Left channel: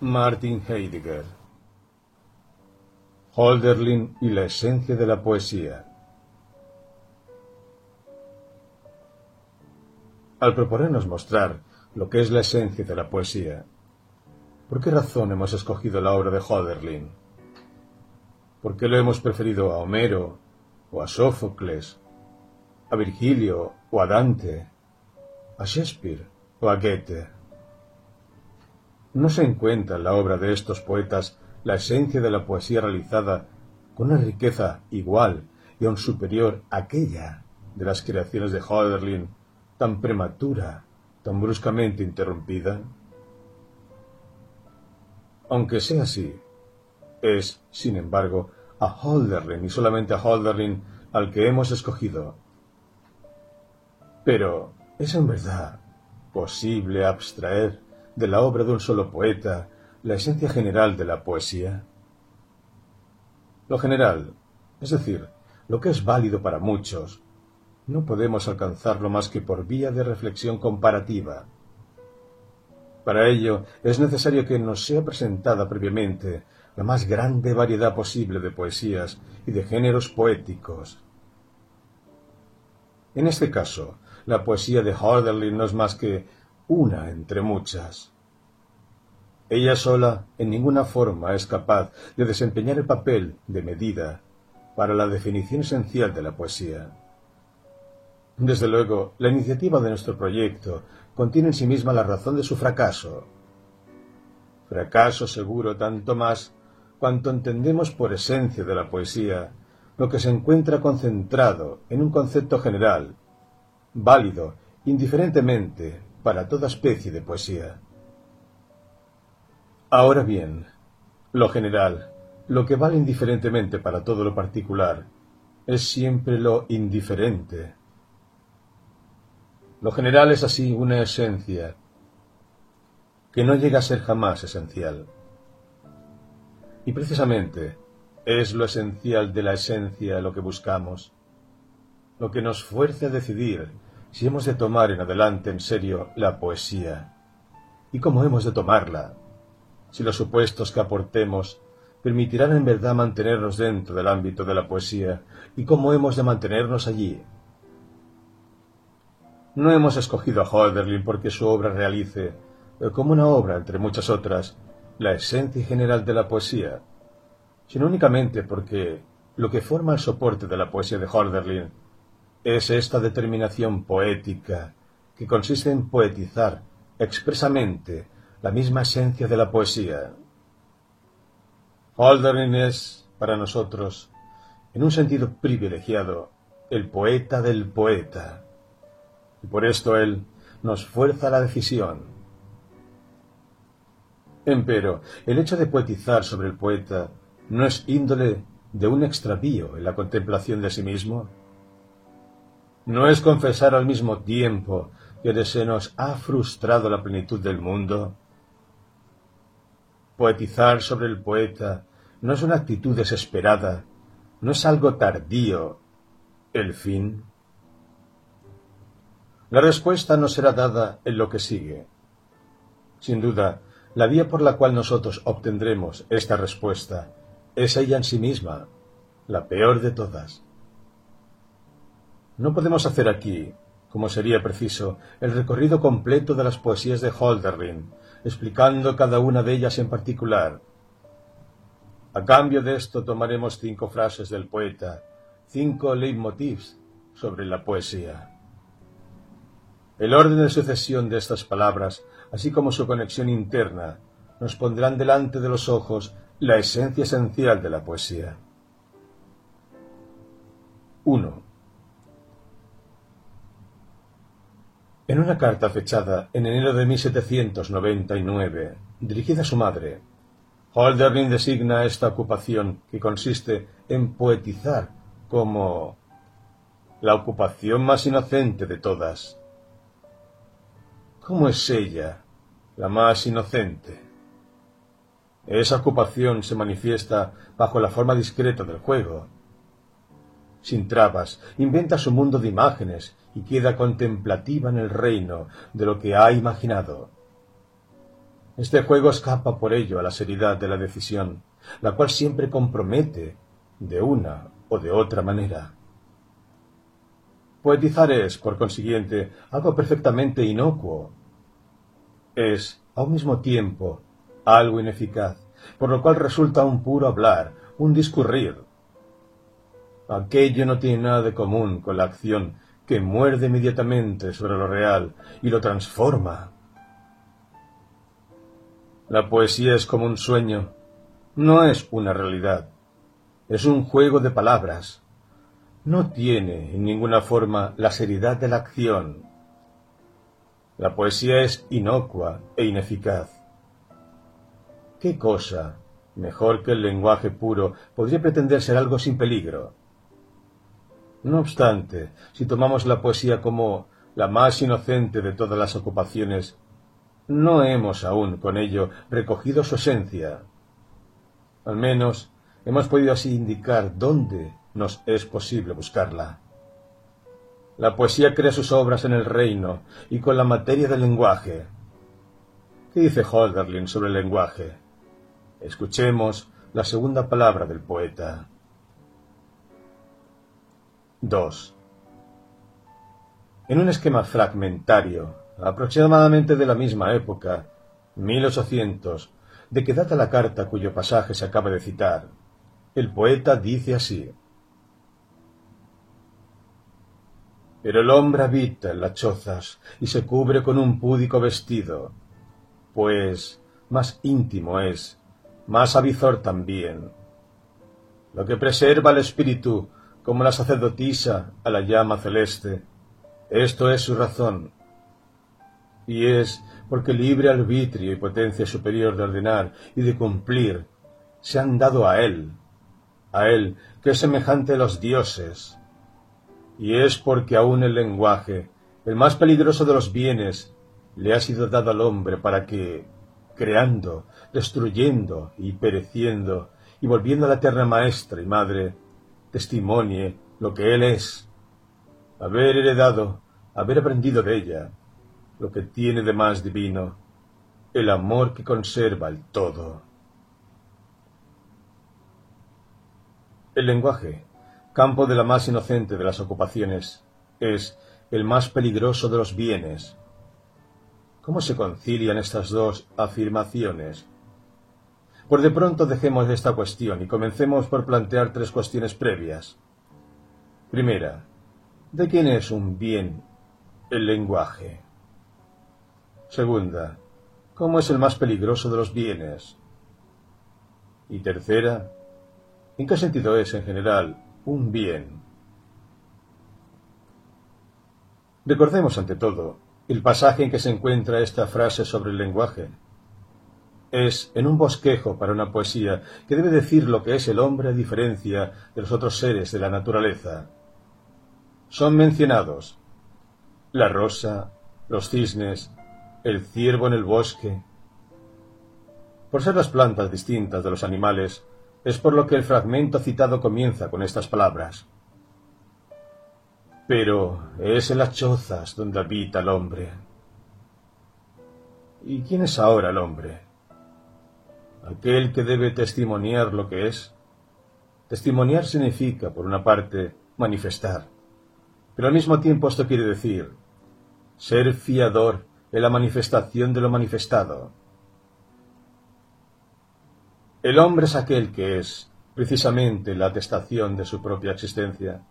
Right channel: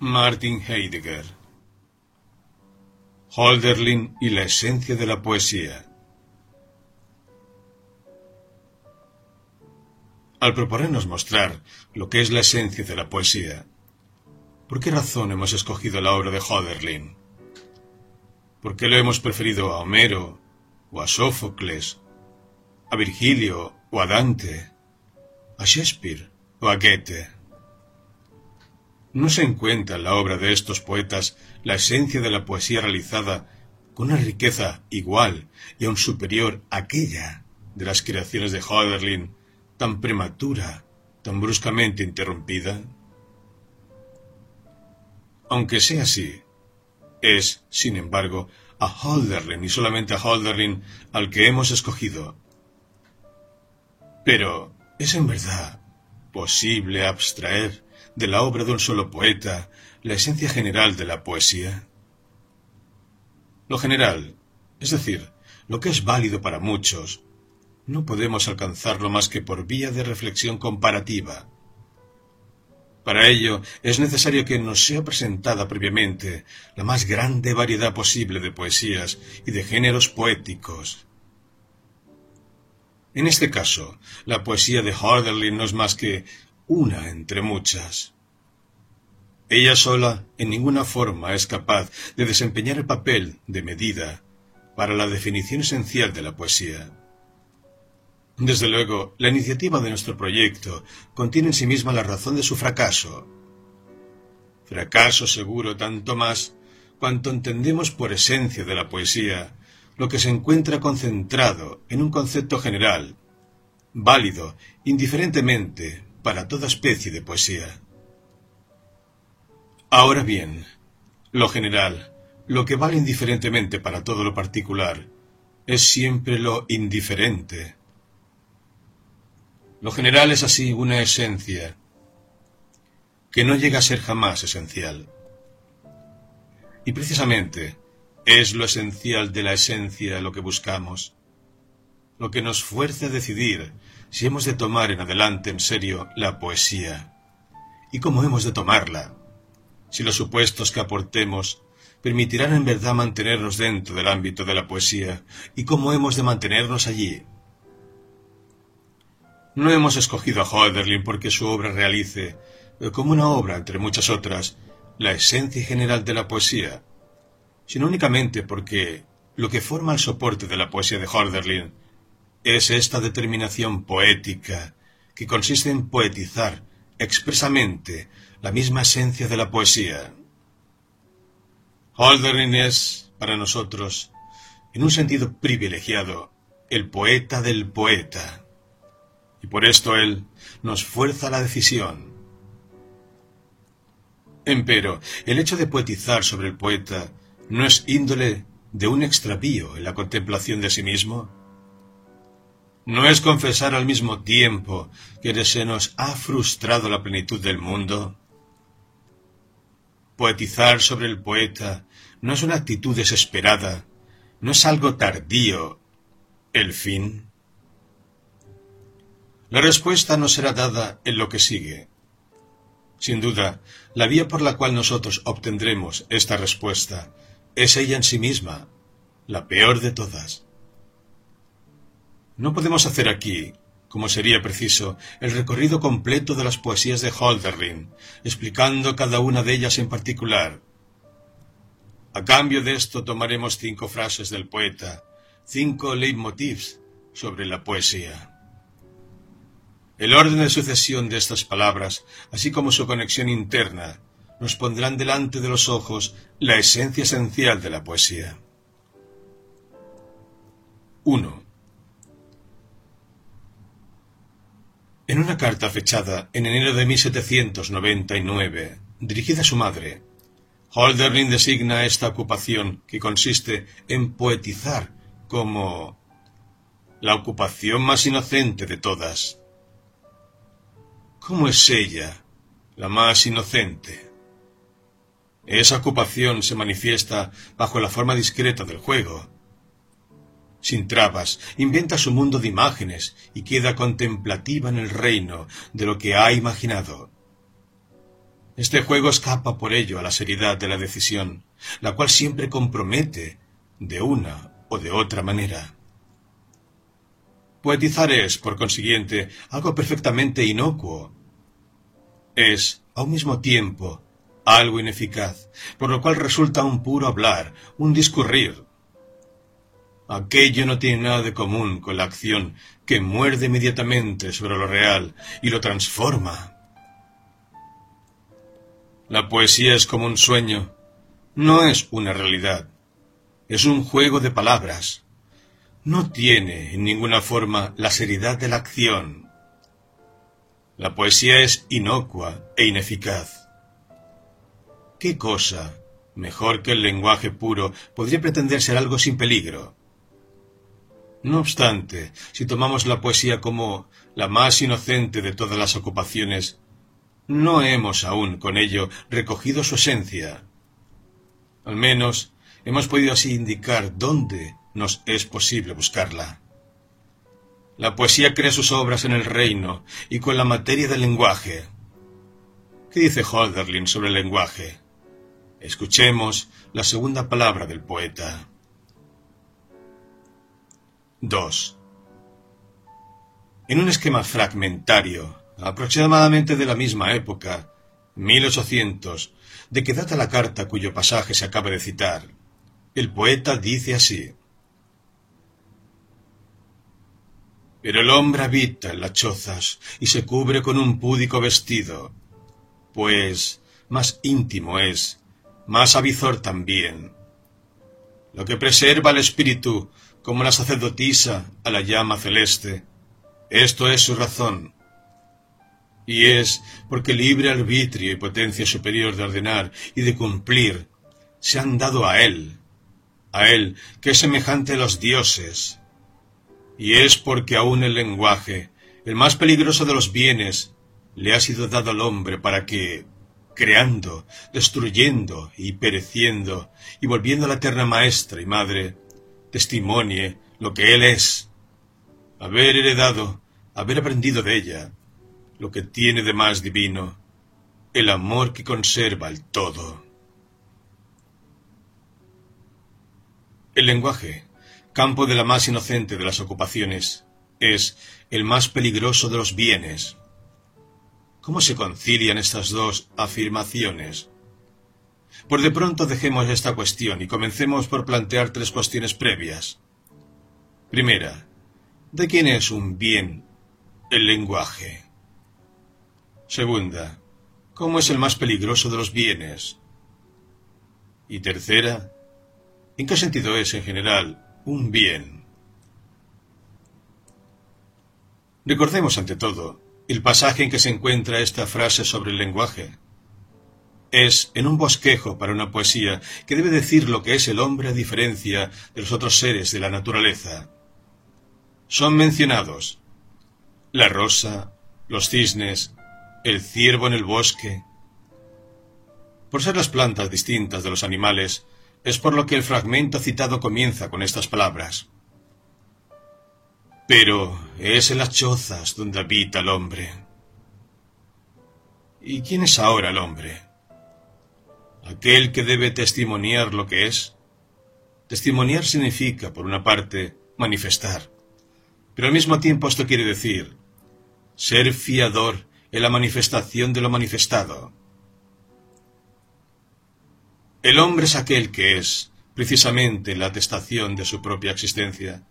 Martin Heidegger. Hölderlin y la esencia de la poesía. Al proponernos mostrar lo que es la esencia de la poesía, ¿por qué razón hemos escogido la obra de Hölderlin? ¿Por qué lo hemos preferido a Homero, o a Sófocles, a Virgilio, o a Dante, a Shakespeare, o a Goethe? ¿No se encuentra en la obra de estos poetas la esencia de la poesía realizada con una riqueza igual y aún superior a aquella de las creaciones de Hölderlin, tan prematura, tan bruscamente interrumpida? Aunque sea así, es, sin embargo, a Hölderlin y solamente a Hölderlin al que hemos escogido. Pero, ¿es en verdad posible abstraer de la obra de un solo poeta la esencia general de la poesía? Lo general, es decir, lo que es válido para muchos, no podemos alcanzarlo más que por vía de reflexión comparativa. Para ello es necesario que nos sea presentada previamente la más grande variedad posible de poesías y de géneros poéticos. En este caso, la poesía de Hölderlin no es más que una entre muchas. Ella sola en ninguna forma es capaz de desempeñar el papel de medida para la definición esencial de la poesía. Desde luego, la iniciativa de nuestro proyecto contiene en sí misma la razón de su fracaso. Fracaso seguro tanto más cuanto entendemos por esencia de la poesía lo que se encuentra concentrado en un concepto general, válido indiferentemente para toda especie de poesía. Ahora bien, lo general, lo que vale indiferentemente para todo lo particular, es siempre lo indiferente. Lo general es así una esencia que no llega a ser jamás esencial. Y precisamente es lo esencial de la esencia lo que buscamos, lo que nos fuerza a decidir si hemos de tomar en adelante en serio la poesía y cómo hemos de tomarla, si los supuestos que aportemos permitirán en verdad mantenernos dentro del ámbito de la poesía y cómo hemos de mantenernos allí. No hemos escogido a Hölderlin porque su obra realice, como una obra entre muchas otras, la esencia general de la poesía, sino únicamente porque lo que forma el soporte de la poesía de Hölderlin es esta determinación poética que consiste en poetizar expresamente la misma esencia de la poesía. Hölderlin es, para nosotros, en un sentido privilegiado, el poeta del poeta, y por esto él nos fuerza a la decisión. Empero, el hecho de poetizar sobre el poeta no es índole de un extravío en la contemplación de sí mismo. ¿No es confesar al mismo tiempo que se nos ha frustrado la plenitud del mundo? Poetizar sobre el poeta no es una actitud desesperada, no es algo tardío, el fin. La respuesta nos será dada en lo que sigue. Sin duda, la vía por la cual nosotros obtendremos esta respuesta es ella en sí misma, la peor de todas. No podemos hacer aquí, como sería preciso, el recorrido completo de las poesías de Hölderlin, explicando cada una de ellas en particular. A cambio de esto tomaremos 5 frases del poeta, 5 leitmotivs sobre la poesía. El orden de sucesión de estas palabras, así como su conexión interna, nos pondrán delante de los ojos la esencia esencial de la poesía. 1. En una carta fechada en enero de 1799, dirigida a su madre, Hölderlin designa esta ocupación que consiste en poetizar como la ocupación más inocente de todas. ¿Cómo es ella la más inocente? Esa ocupación se manifiesta bajo la forma discreta del juego. Sin trabas, inventa su mundo de imágenes y queda contemplativa en el reino de lo que ha imaginado. Este juego escapa por ello a la seriedad de la decisión, la cual siempre compromete de una o de otra manera. Poetizar es, por consiguiente, algo perfectamente inocuo. Es, a un mismo tiempo, algo ineficaz, por lo cual resulta un puro hablar, un discurrir. Aquello no tiene nada de común con la acción que muerde inmediatamente sobre lo real y lo transforma. La poesía es como un sueño, no es una realidad, es un juego de palabras. No tiene en ninguna forma la seriedad de la acción. La poesía es inocua e ineficaz. ¿Qué cosa, mejor que el lenguaje puro, podría pretender ser algo sin peligro? No obstante, si tomamos la poesía como la más inocente de todas las ocupaciones, no hemos aún con ello recogido su esencia. Al menos hemos podido así indicar dónde nos es posible buscarla. La poesía crea sus obras en el reino y con la materia del lenguaje. ¿Qué dice Hölderlin sobre el lenguaje? Escuchemos la segunda palabra del poeta. 2. En un esquema fragmentario, aproximadamente de la misma época, 1800, de que data la carta cuyo pasaje se acaba de citar, el poeta dice así: Pero el hombre habita en las chozas y se cubre con un púdico vestido, pues más íntimo es, más avizor también. Lo que preserva el espíritu, como la sacerdotisa a la llama celeste, esto es su razón. Y es porque libre arbitrio y potencia superior de ordenar y de cumplir se han dado a él que es semejante a los dioses. Y es porque aún el lenguaje, el más peligroso de los bienes, le ha sido dado al hombre para que, creando, destruyendo y pereciendo, y volviendo a la eterna maestra y madre, testimonie lo que él es, haber heredado, haber aprendido de ella, lo que tiene de más divino, el amor que conserva el todo. El lenguaje, campo de la más inocente de las ocupaciones, es el más peligroso de los bienes. ¿Cómo se concilian estas dos afirmaciones? Por de pronto dejemos esta cuestión y comencemos por plantear tres cuestiones previas. Primera, ¿de quién es un bien el lenguaje? Segunda, ¿cómo es el más peligroso de los bienes? Y tercera, ¿en qué sentido es en general un bien? Recordemos ante todo el pasaje en que se encuentra esta frase sobre el lenguaje. Es en un bosquejo para una poesía que debe decir lo que es el hombre a diferencia de los otros seres de la naturaleza. Son mencionados la rosa, los cisnes, el ciervo en el bosque. Por ser las plantas distintas de los animales, es por lo que el fragmento citado comienza con estas palabras. Pero es en las chozas donde habita el hombre. ¿Y quién es ahora el hombre? Aquel que debe testimoniar lo que es. Testimoniar significa, por una parte, manifestar. Pero al mismo tiempo esto quiere decir ser fiador en la manifestación de lo manifestado. El hombre es aquel que es, precisamente, la atestación de su propia existencia.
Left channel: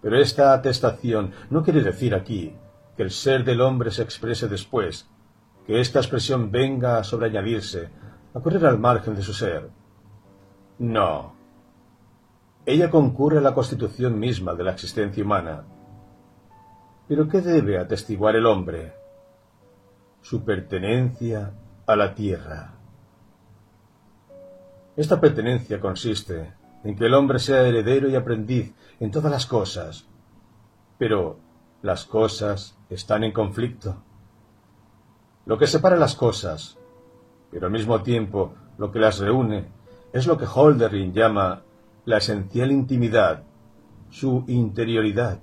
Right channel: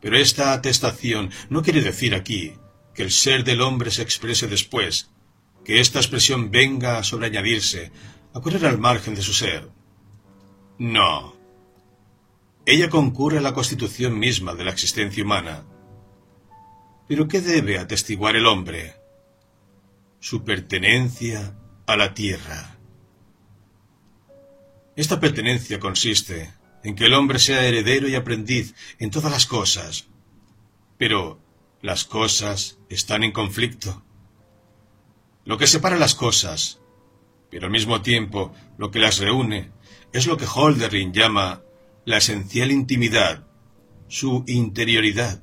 Pero esta atestación no quiere decir aquí que el ser del hombre se exprese después, que esta expresión venga a sobreañadirse, a correr al margen de su ser. No. Ella concurre a la constitución misma de la existencia humana. ¿Pero qué debe atestiguar el hombre? Su pertenencia a la tierra. Esta pertenencia consiste en que el hombre sea heredero y aprendiz en todas las cosas. Pero las cosas están en conflicto. Lo que separa las cosas, pero al mismo tiempo lo que las reúne, es lo que Hölderlin llama la esencial intimidad, su interioridad.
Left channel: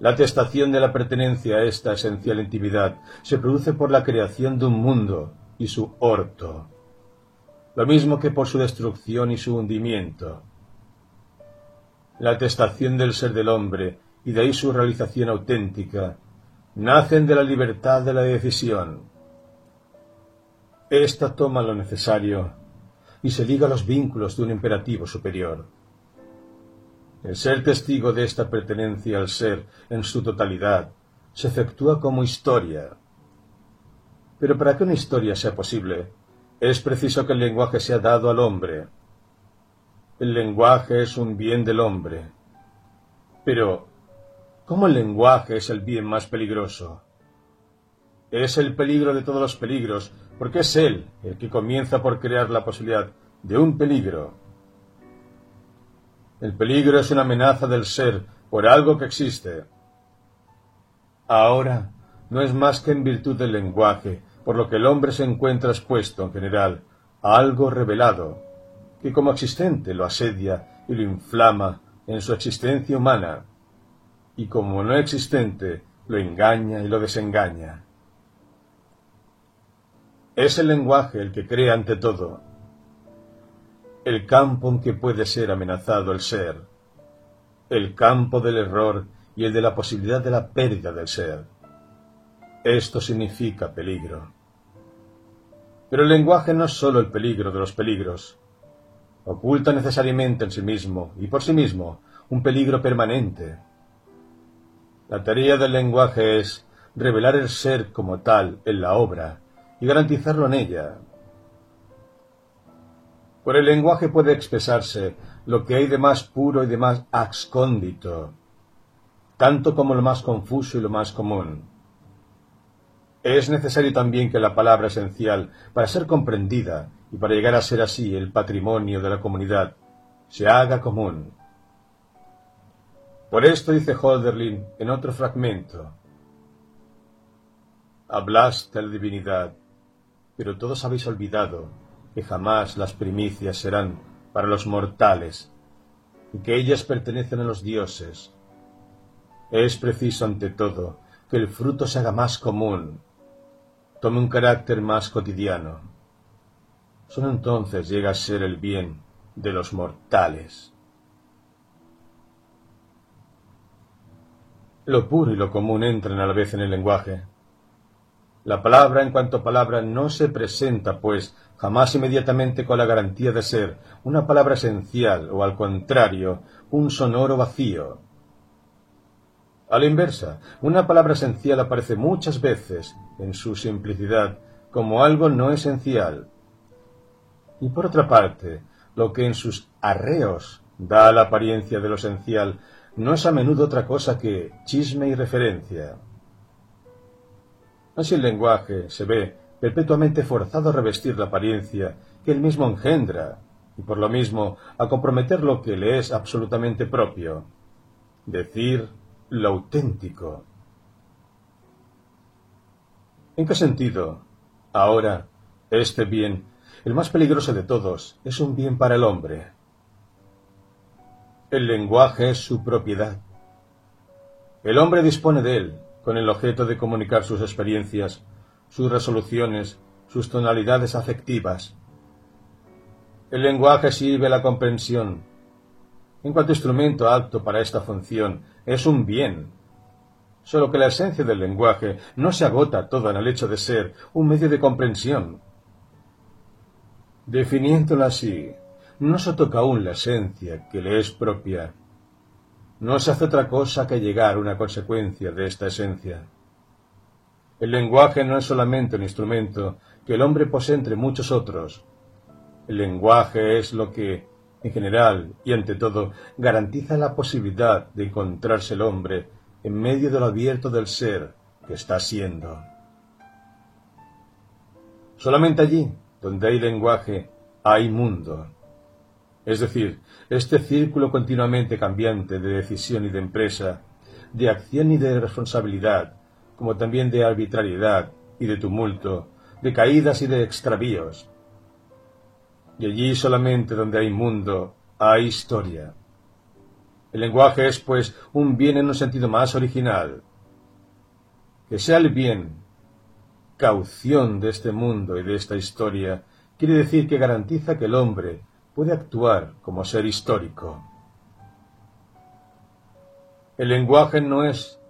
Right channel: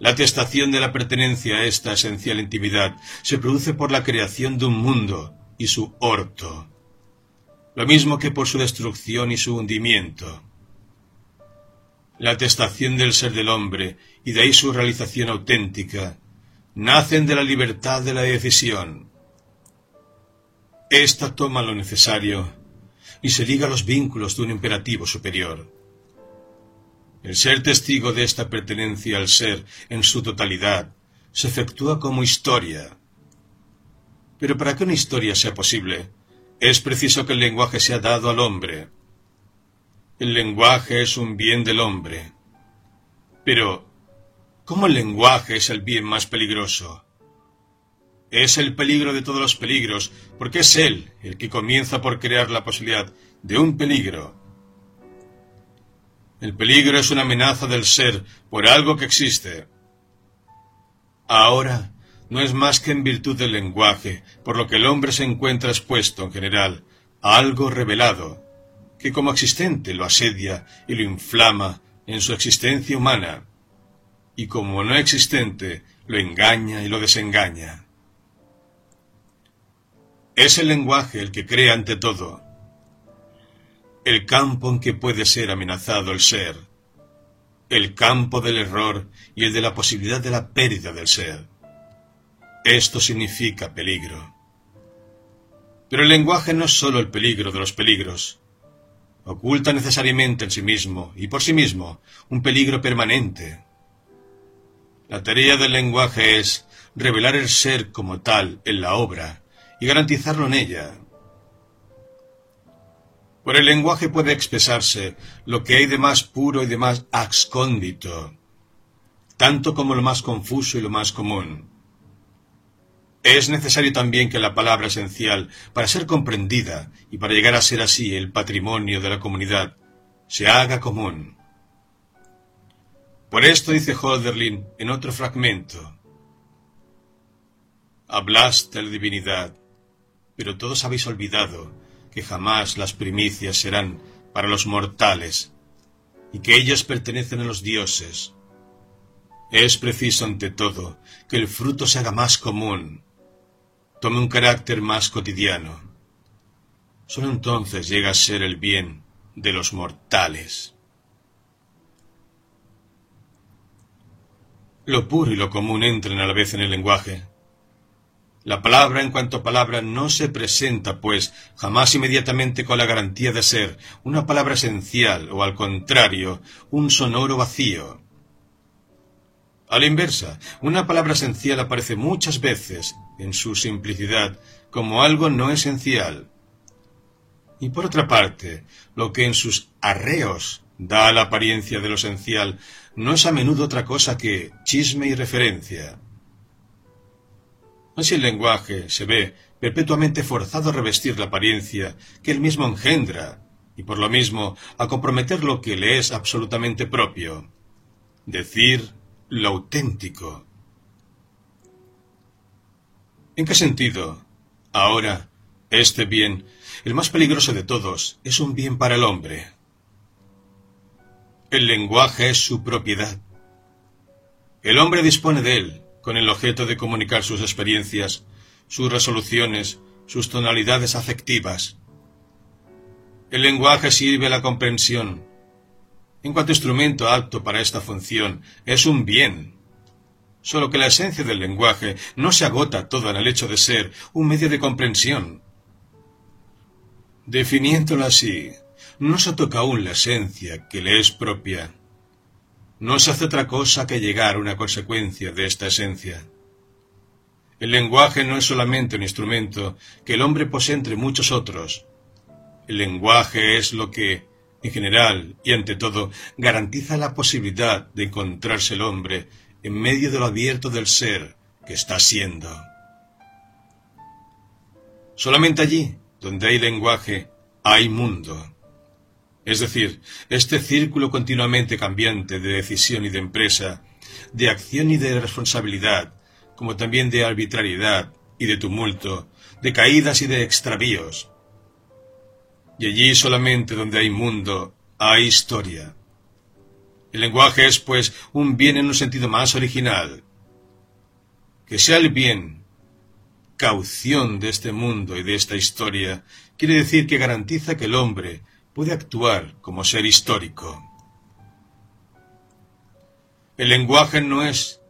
La atestación de la pertenencia a esta esencial intimidad se produce por la creación de un mundo y su orto, lo mismo que por su destrucción y su hundimiento. La atestación del ser del hombre, y de ahí su realización auténtica, nacen de la libertad de la decisión. Esta toma lo necesario y se liga a los vínculos de un imperativo superior. El ser testigo de esta pertenencia al ser en su totalidad se efectúa como historia. Pero para que una historia sea posible, es preciso que el lenguaje sea dado al hombre. El lenguaje es un bien del hombre. Pero, ¿cómo el lenguaje es el bien más peligroso? Es el peligro de todos los peligros, porque es él el que comienza por crear la posibilidad de un peligro. El peligro es una amenaza del ser por algo que existe. Ahora, no es más que en virtud del lenguaje, por lo que el hombre se encuentra expuesto, en general, a algo revelado, que como existente lo asedia y lo inflama en su existencia humana, y como no existente lo engaña y lo desengaña. Es el lenguaje el que crea ante todo el campo en que puede ser amenazado el ser, el campo del error y el de la posibilidad de la pérdida del ser. Esto significa peligro. Pero el lenguaje no es sólo el peligro de los peligros. Oculta necesariamente en sí mismo y por sí mismo un peligro permanente. La tarea del lenguaje es revelar el ser como tal en la obra y garantizarlo en ella. Por el lenguaje puede expresarse lo que hay de más puro y de más excóndito, tanto como lo más confuso y lo más común. Es necesario también que la palabra esencial, para ser comprendida y para llegar a ser así el patrimonio de la comunidad, se haga común. Por esto dice Hölderlin en otro fragmento: hablaste la divinidad, pero todos habéis olvidado que jamás las primicias serán para los mortales, y que ellas pertenecen a los dioses. Es preciso, ante todo, que el fruto se haga más común, tome un carácter más cotidiano. Solo entonces llega a ser el bien de los mortales. Lo puro y lo común entran a la vez en el lenguaje. La palabra en cuanto palabra no se presenta, pues, jamás inmediatamente con la garantía de ser una palabra esencial o, al contrario, un sonoro vacío. A la inversa, una palabra esencial aparece muchas veces, en su simplicidad, como algo no esencial. Y por otra parte, lo que en sus arreos da la apariencia de lo esencial no es a menudo otra cosa que chisme y referencia. Así el lenguaje se ve perpetuamente forzado a revestir la apariencia que él mismo engendra, y por lo mismo a comprometer lo que le es absolutamente propio, decir lo auténtico. ¿En qué sentido? Ahora, este bien, el más peligroso de todos, es un bien para el hombre. El lenguaje es su propiedad. El hombre dispone de él, con el objeto de comunicar sus experiencias, sus resoluciones, sus tonalidades afectivas. El lenguaje sirve a la comprensión. En cuanto instrumento apto para esta función, es un bien. Solo que la esencia del lenguaje no se agota toda en el hecho de ser un medio de comprensión. Definiéndolo así, no se toca aún la esencia que le es propia. No se hace otra cosa que llegar a una consecuencia de esta esencia. El lenguaje no es solamente un instrumento que el hombre posee entre muchos otros. El lenguaje es lo que, en general y ante todo, garantiza la posibilidad de encontrarse el hombre en medio de lo abierto del ser que está siendo. Solamente allí, donde hay lenguaje, hay mundo. Es decir, este círculo continuamente cambiante de decisión y de empresa, de acción y de responsabilidad, como también de arbitrariedad y de tumulto, de caídas y de extravíos. Y allí solamente donde hay mundo, hay historia. El lenguaje es, pues, un bien en un sentido más original. Que sea el bien caución de este mundo y de esta historia, quiere decir que garantiza que el hombre puede actuar como ser histórico. El lenguaje no es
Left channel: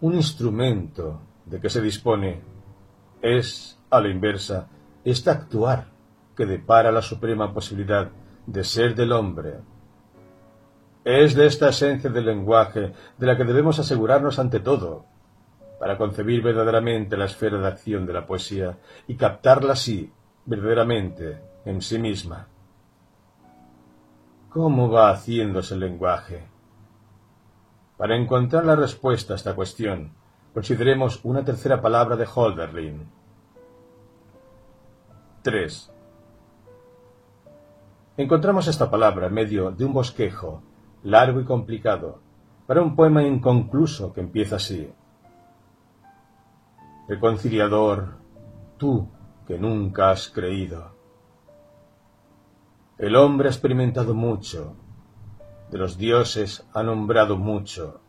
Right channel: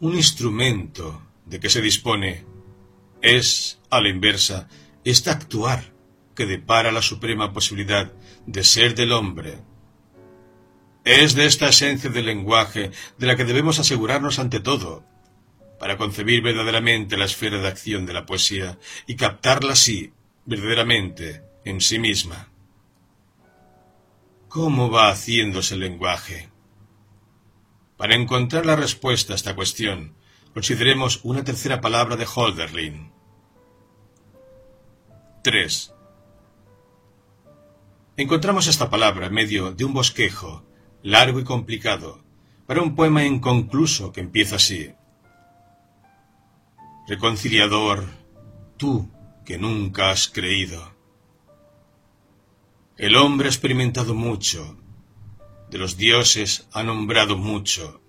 un instrumento de que se dispone, es, a la inversa, este actuar que depara la suprema posibilidad de ser del hombre. Es de esta esencia del lenguaje de la que debemos asegurarnos ante todo, para concebir verdaderamente la esfera de acción de la poesía y captarla así, verdaderamente, en sí misma. ¿Cómo va haciéndose el lenguaje? Para encontrar la respuesta a esta cuestión, consideremos una tercera palabra de Hölderlin. 3. Encontramos esta palabra en medio de un bosquejo, largo y complicado, para un poema inconcluso que empieza así. Reconciliador, tú que nunca has creído. El hombre ha experimentado mucho, de los dioses ha nombrado mucho,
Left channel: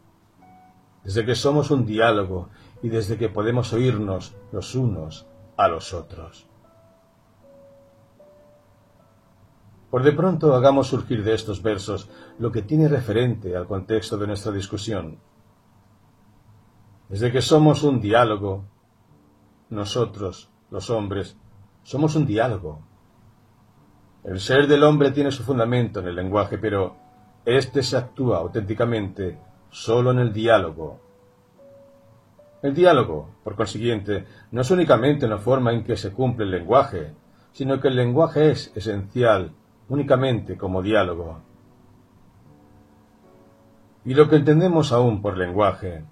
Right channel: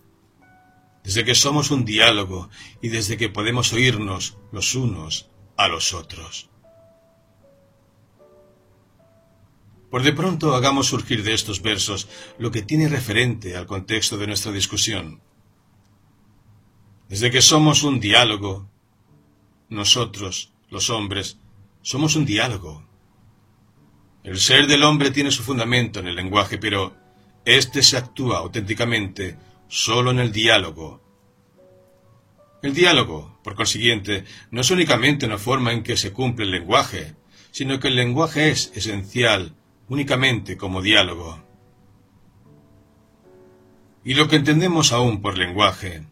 desde que somos un diálogo y desde que podemos oírnos los unos a los otros. Por de pronto hagamos surgir de estos versos lo que tiene referente al contexto de nuestra discusión. Desde que somos un diálogo, nosotros, los hombres, somos un diálogo. El ser del hombre tiene su fundamento en el lenguaje, pero éste se actúa auténticamente solo en el diálogo. El diálogo, por consiguiente, no es únicamente una forma en que se cumple el lenguaje, sino que el lenguaje es esencial únicamente como diálogo. Y lo que entendemos aún por lenguaje,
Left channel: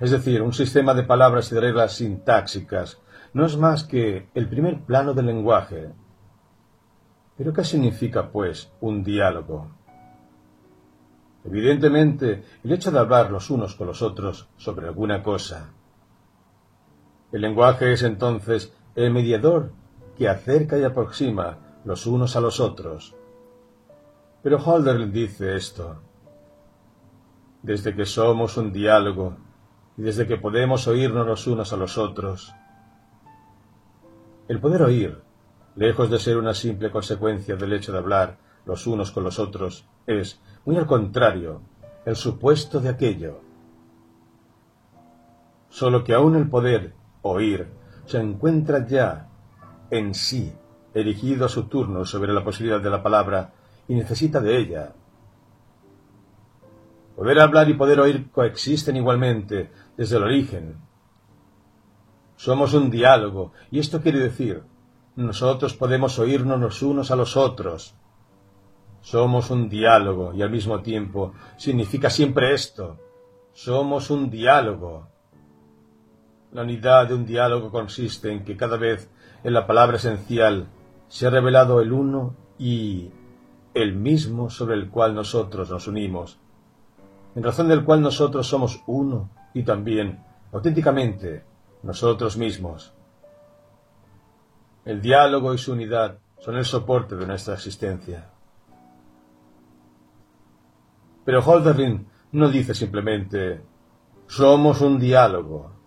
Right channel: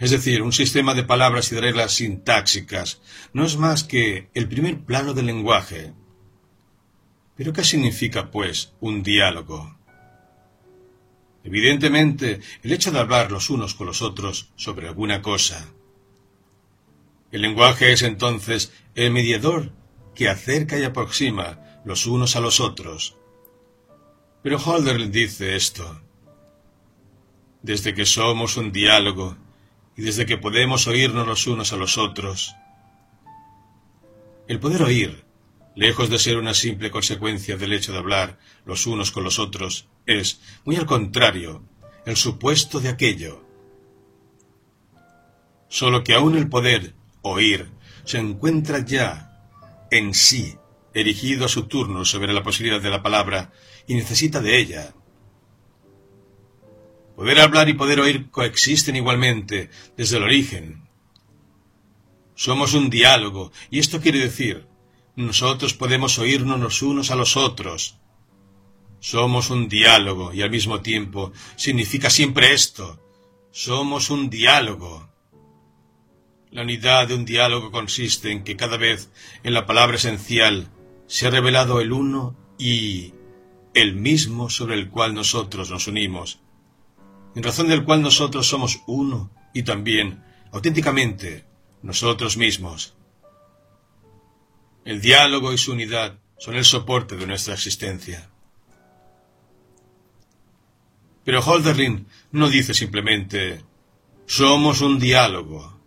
es decir, un sistema de palabras y de reglas sintáxicas, no es más que el primer plano del lenguaje. ¿Pero qué significa, pues, un diálogo? Evidentemente, el hecho de hablar los unos con los otros sobre alguna cosa. El lenguaje es entonces el mediador que acerca y aproxima los unos a los otros. Pero Hölderlin dice esto: desde que somos un diálogo y desde que podemos oírnos los unos a los otros. El poder oír, lejos de ser una simple consecuencia del hecho de hablar los unos con los otros, es, muy al contrario, el supuesto de aquello. Solo que aún el poder oír se encuentra ya en sí, erigido a su turno sobre la posibilidad de la palabra, y necesita de ella. Poder hablar y poder oír coexisten igualmente desde el origen. Somos un diálogo, y esto quiere decir, nosotros podemos oírnos los unos a los otros. Somos un diálogo, y al mismo tiempo significa siempre esto: somos un diálogo. La unidad de un diálogo consiste en que cada vez en la palabra esencial se ha revelado el uno y el mismo sobre el cual nosotros nos unimos, en razón del cual nosotros somos uno y también, auténticamente, nosotros mismos. El diálogo y su unidad son el soporte de nuestra existencia. Pero Hölderlin no dice simplemente «somos un diálogo».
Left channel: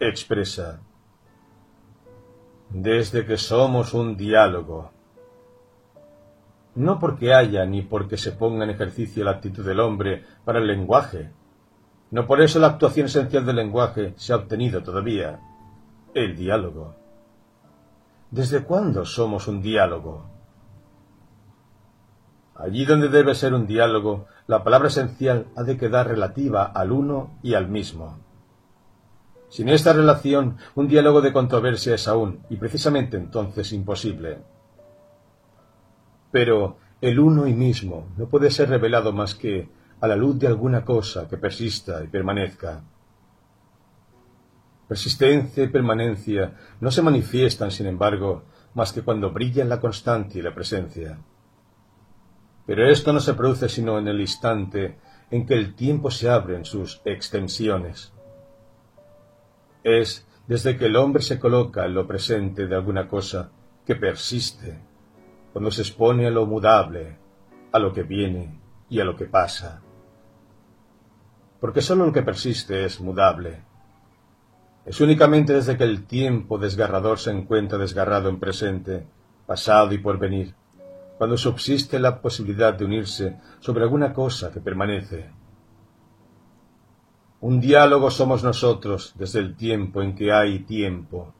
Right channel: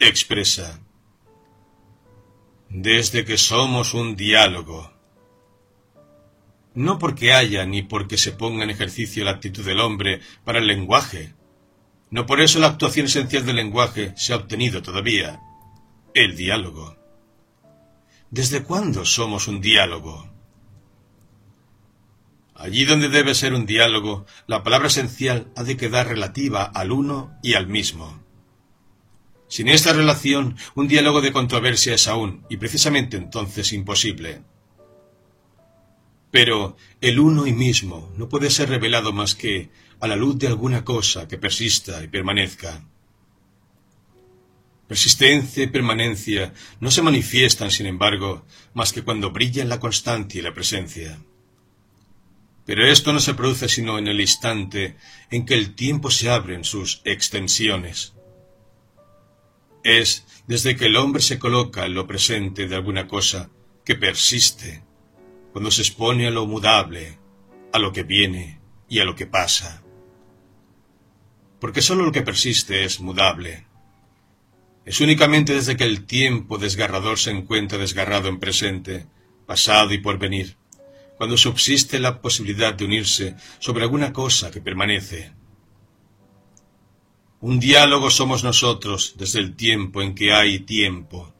Expresa «desde que somos un diálogo». No porque haya ni porque se ponga en ejercicio la actitud del hombre para el lenguaje. No por eso la actuación esencial del lenguaje se ha obtenido todavía: el diálogo. ¿Desde cuándo somos un diálogo? Allí donde debe ser un diálogo, la palabra esencial ha de quedar relativa al uno y al mismo. Sin esta relación, un diálogo de controversia es aún, y precisamente entonces, imposible. Pero el uno y mismo no puede ser revelado más que a la luz de alguna cosa que persista y permanezca. Persistencia y permanencia no se manifiestan, sin embargo, más que cuando brillan la constancia y la presencia. Pero esto no se produce sino en el instante en que el tiempo se abre en sus extensiones. Es desde que el hombre se coloca en lo presente de alguna cosa que persiste, cuando se expone a lo mudable, a lo que viene y a lo que pasa. Porque sólo lo que persiste es mudable. Es únicamente desde que el tiempo desgarrador se encuentra desgarrado en presente, pasado y porvenir, cuando subsiste la posibilidad de unirse sobre alguna cosa que permanece. Un diálogo somos nosotros desde el tiempo en que hay tiempo,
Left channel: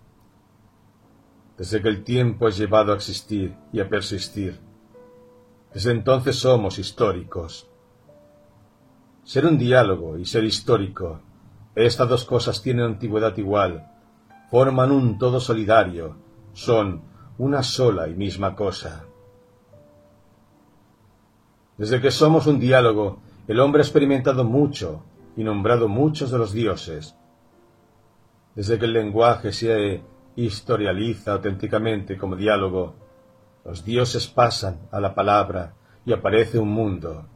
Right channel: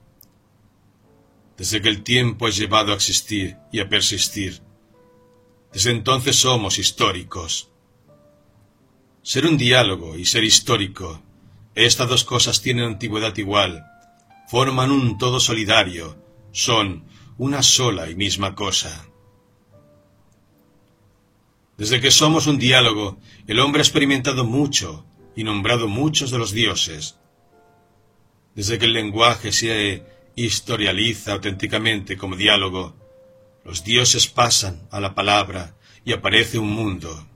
desde que el tiempo es llevado a existir y a persistir. Desde entonces somos históricos. Ser un diálogo y ser histórico, estas dos cosas tienen antigüedad igual, forman un todo solidario, son una sola y misma cosa. Desde que somos un diálogo, el hombre ha experimentado mucho y nombrado muchos de los dioses. Desde que el lenguaje se historializa auténticamente como diálogo, los dioses pasan a la palabra y aparece un mundo.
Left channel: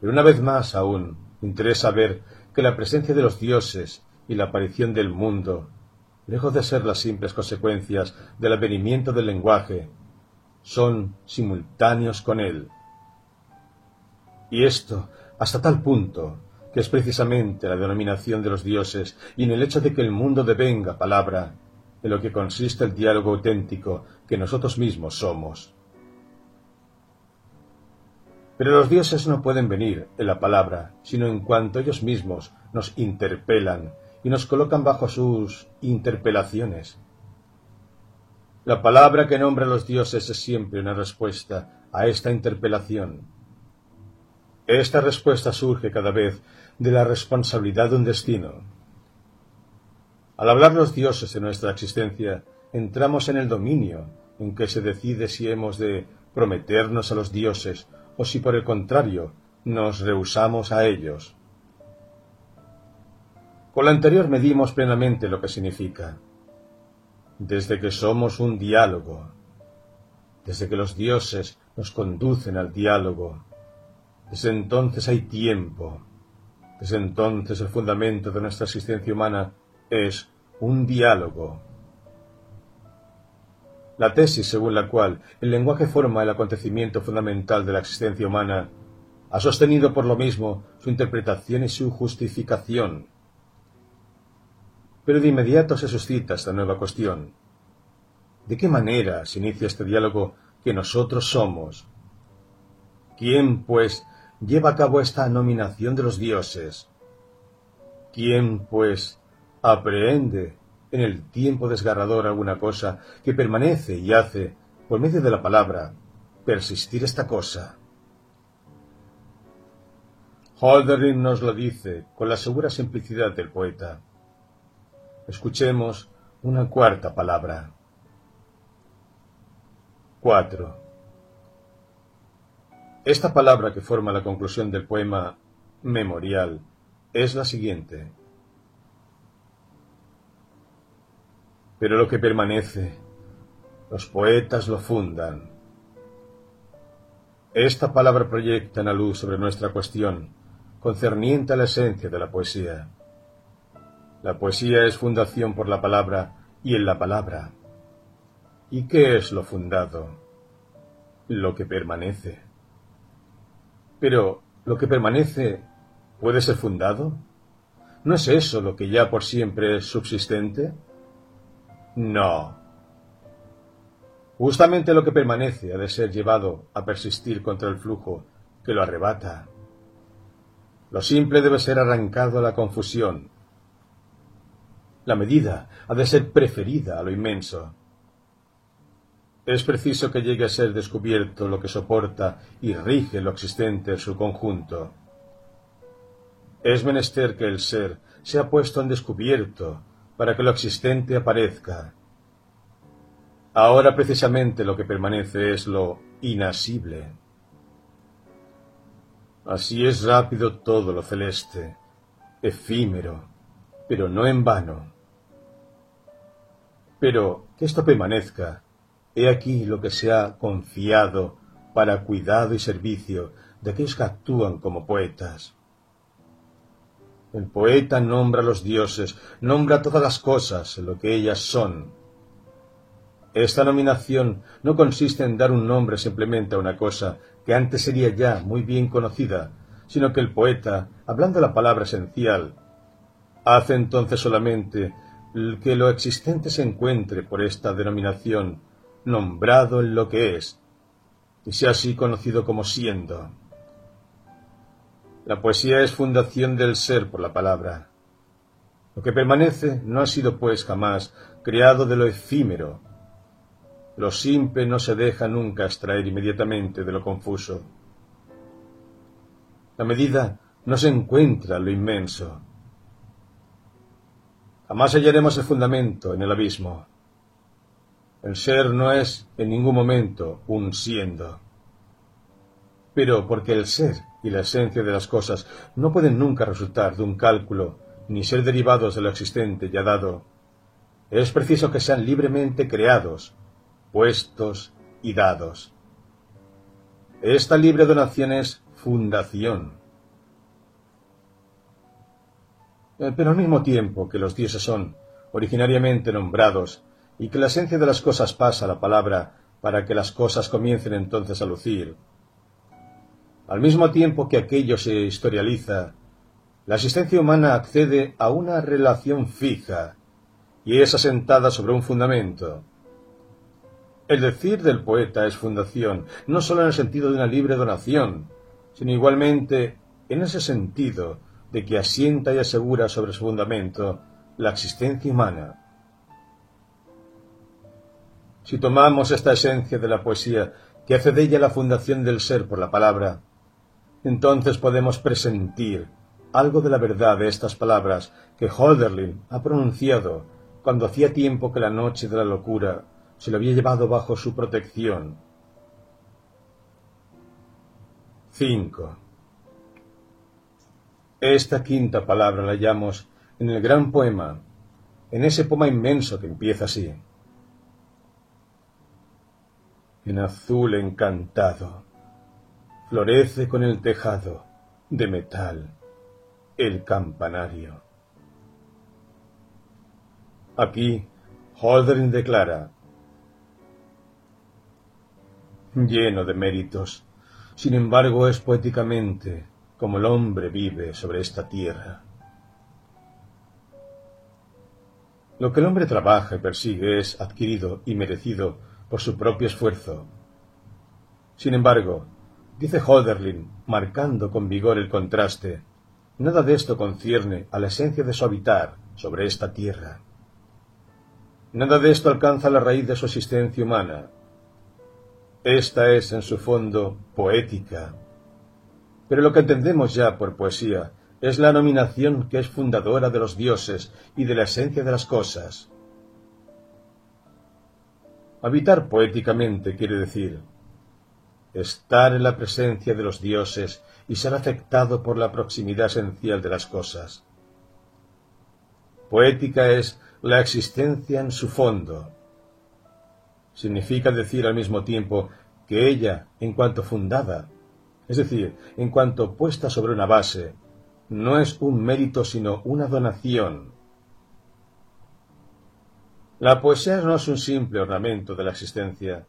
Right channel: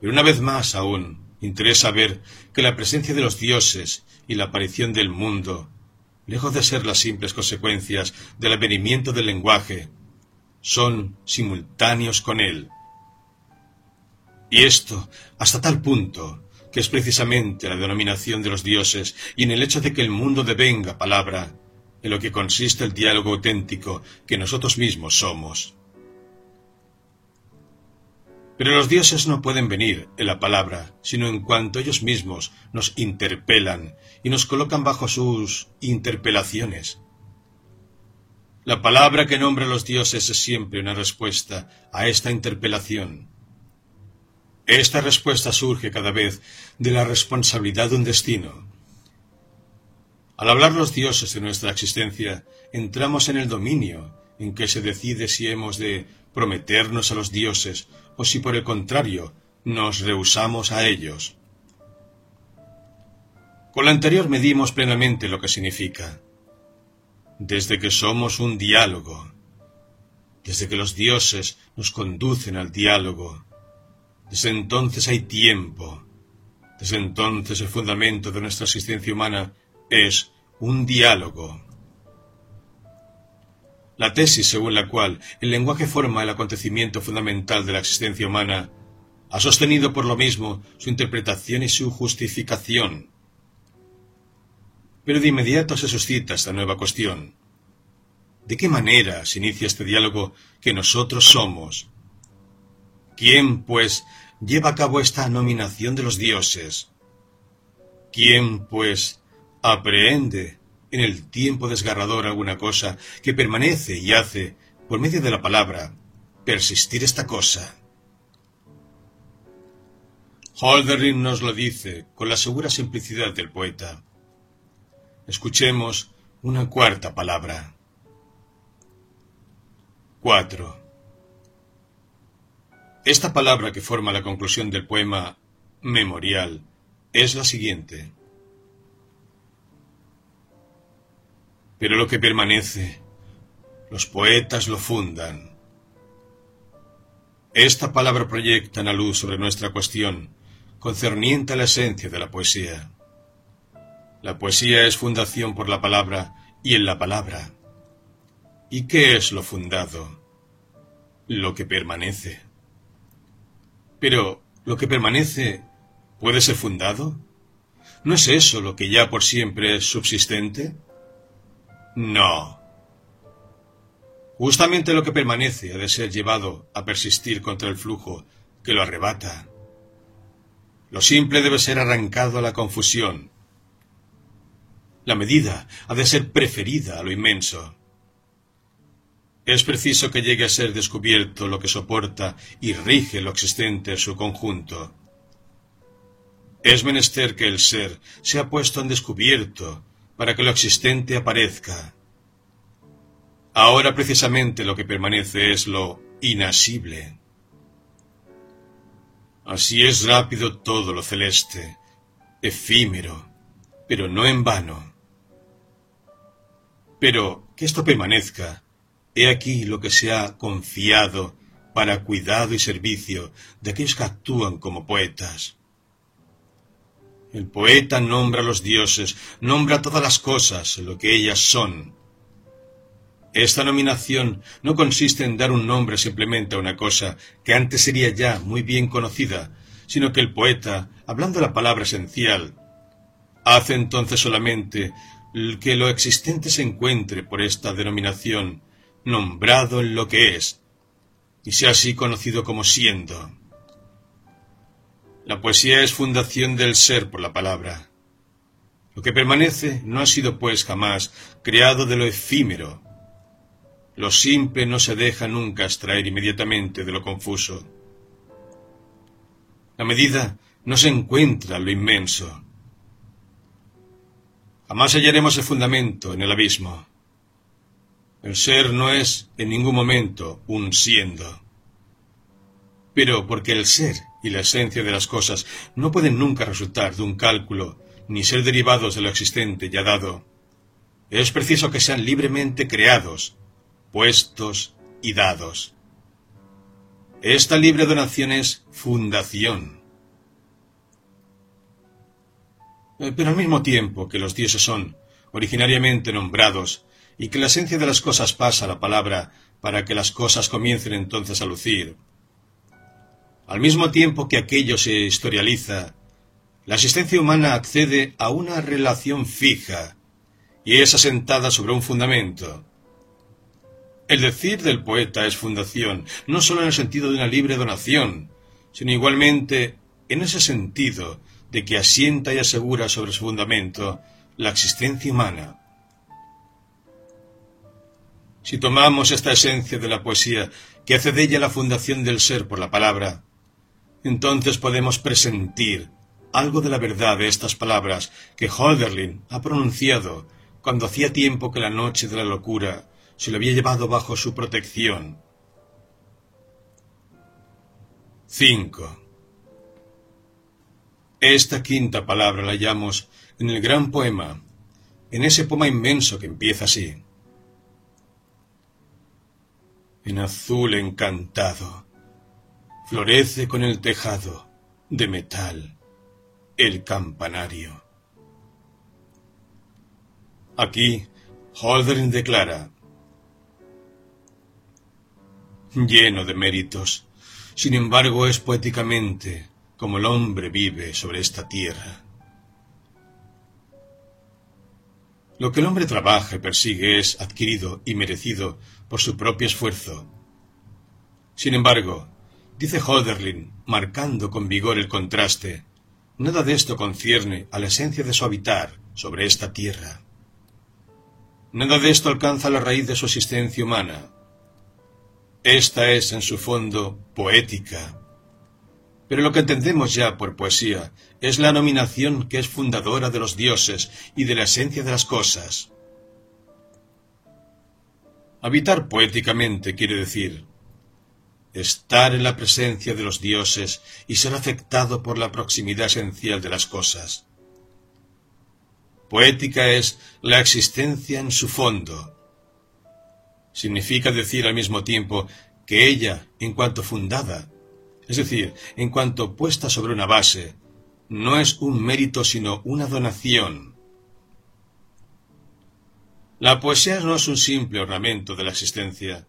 Pero una vez más aún interesa ver que la presencia de los dioses y la aparición del mundo, lejos de ser las simples consecuencias del advenimiento del lenguaje, son simultáneos con él. Y esto hasta tal punto que es precisamente la denominación de los dioses y en el hecho de que el mundo devenga palabra, en lo que consiste el diálogo auténtico que nosotros mismos somos. Pero los dioses no pueden venir en la palabra, sino en cuanto ellos mismos nos interpelan y nos colocan bajo sus interpelaciones. La palabra que nombra a los dioses es siempre una respuesta a esta interpelación. Esta respuesta surge cada vez de la responsabilidad de un destino. Al hablar los dioses de nuestra existencia, entramos en el dominio en que se decide si hemos de prometernos a los dioses o si por el contrario nos rehusamos a ellos. Con lo anterior medimos plenamente lo que significa. Desde que somos un diálogo, desde que los dioses nos conducen al diálogo, desde entonces hay tiempo, desde entonces el fundamento de nuestra existencia humana es un diálogo. La tesis según la cual el lenguaje forma el acontecimiento fundamental de la existencia humana ha sostenido por lo mismo su interpretación y su justificación. Pero de inmediato se suscita esta nueva cuestión. ¿De qué manera se inicia este diálogo que nosotros somos? ¿Quién, pues, lleva a cabo esta nominación de los dioses? ¿Quién, pues, aprehende en el tiempo desgarrador alguna cosa que permanece y hace, por medio de la palabra, persistir esta cosa? Hölderlin nos lo dice con la segura simplicidad del poeta. Escuchemos una cuarta palabra. 4. Esta palabra que forma la conclusión del poema Memorial es la siguiente. Pero lo que permanece, los poetas lo fundan. Esta palabra proyecta una luz sobre nuestra cuestión, concerniente a la esencia de la poesía. La poesía es fundación por la palabra y en la palabra. ¿Y qué es lo fundado? Lo que permanece. Pero, ¿lo que permanece puede ser fundado? ¿No es eso lo que ya por siempre es subsistente? No. Justamente lo que permanece ha de ser llevado a persistir contra el flujo que lo arrebata. Lo simple debe ser arrancado a la confusión. La medida ha de ser preferida a lo inmenso. Es preciso que llegue a ser descubierto lo que soporta y rige lo existente en su conjunto. Es menester que el ser sea puesto en descubierto para que lo existente aparezca. Ahora precisamente lo que permanece es lo inasible. Así es rápido todo lo celeste, efímero, pero no en vano. Pero que esto permanezca, he aquí lo que se ha confiado para cuidado y servicio de aquellos que actúan como poetas. El poeta nombra a los dioses, nombra todas las cosas en lo que ellas son. Esta nominación no consiste en dar un nombre simplemente a una cosa que antes sería ya muy bien conocida, sino que el poeta, hablando la palabra esencial, hace entonces solamente que lo existente se encuentre por esta denominación nombrado en lo que es, y sea así conocido como siendo. La poesía es fundación del ser por la palabra. Lo que permanece no ha sido pues jamás creado de lo efímero. Lo simple no se deja nunca extraer inmediatamente de lo confuso. La medida no se encuentra en lo inmenso. Jamás hallaremos el fundamento en el abismo. El ser no es en ningún momento un siendo. Pero porque el ser y la esencia de las cosas no pueden nunca resultar de un cálculo ni ser derivados de lo existente ya dado, es preciso que sean libremente creados, puestos y dados. Esta libre donación es fundación. Pero al mismo tiempo que los dioses son originariamente nombrados y que la esencia de las cosas pasa a la palabra para que las cosas comiencen entonces a lucir, al mismo tiempo que aquello se historializa, la existencia humana accede a una relación fija y es asentada sobre un fundamento. El decir del poeta es fundación, no sólo en el sentido de una libre donación, sino igualmente en ese sentido de que asienta y asegura sobre su fundamento la existencia humana. Si tomamos esta esencia de la poesía, que hace de ella la fundación del ser por la palabra, entonces podemos presentir algo de la verdad de estas palabras que Hölderlin ha pronunciado cuando hacía tiempo que la noche de la locura se lo había llevado bajo su protección. 5. Esta quinta palabra la hallamos en el gran poema, en ese poema inmenso que empieza así. En azul encantado, florece con el tejado de metal el campanario. Aquí, Hölderlin declara: lleno de méritos, sin embargo es poéticamente como el hombre vive sobre esta tierra. Lo que el hombre trabaja y persigue es adquirido y merecido por su propio esfuerzo. Sin embargo, dice Hölderlin, marcando con vigor el contraste, nada de esto concierne a la esencia de su habitar sobre esta tierra. Nada de esto alcanza la raíz de su existencia humana. Esta es, en su fondo, poética. Pero lo que entendemos ya por poesía es la nominación que es fundadora de los dioses y de la esencia de las cosas. Habitar poéticamente quiere decir estar en la presencia de los dioses y ser afectado por la proximidad esencial de las cosas. Poética es la existencia en su fondo. Significa decir al mismo tiempo que ella, en cuanto fundada, es decir, en cuanto puesta sobre una base, no es un mérito sino una donación. La poesía no es un simple ornamento de la existencia,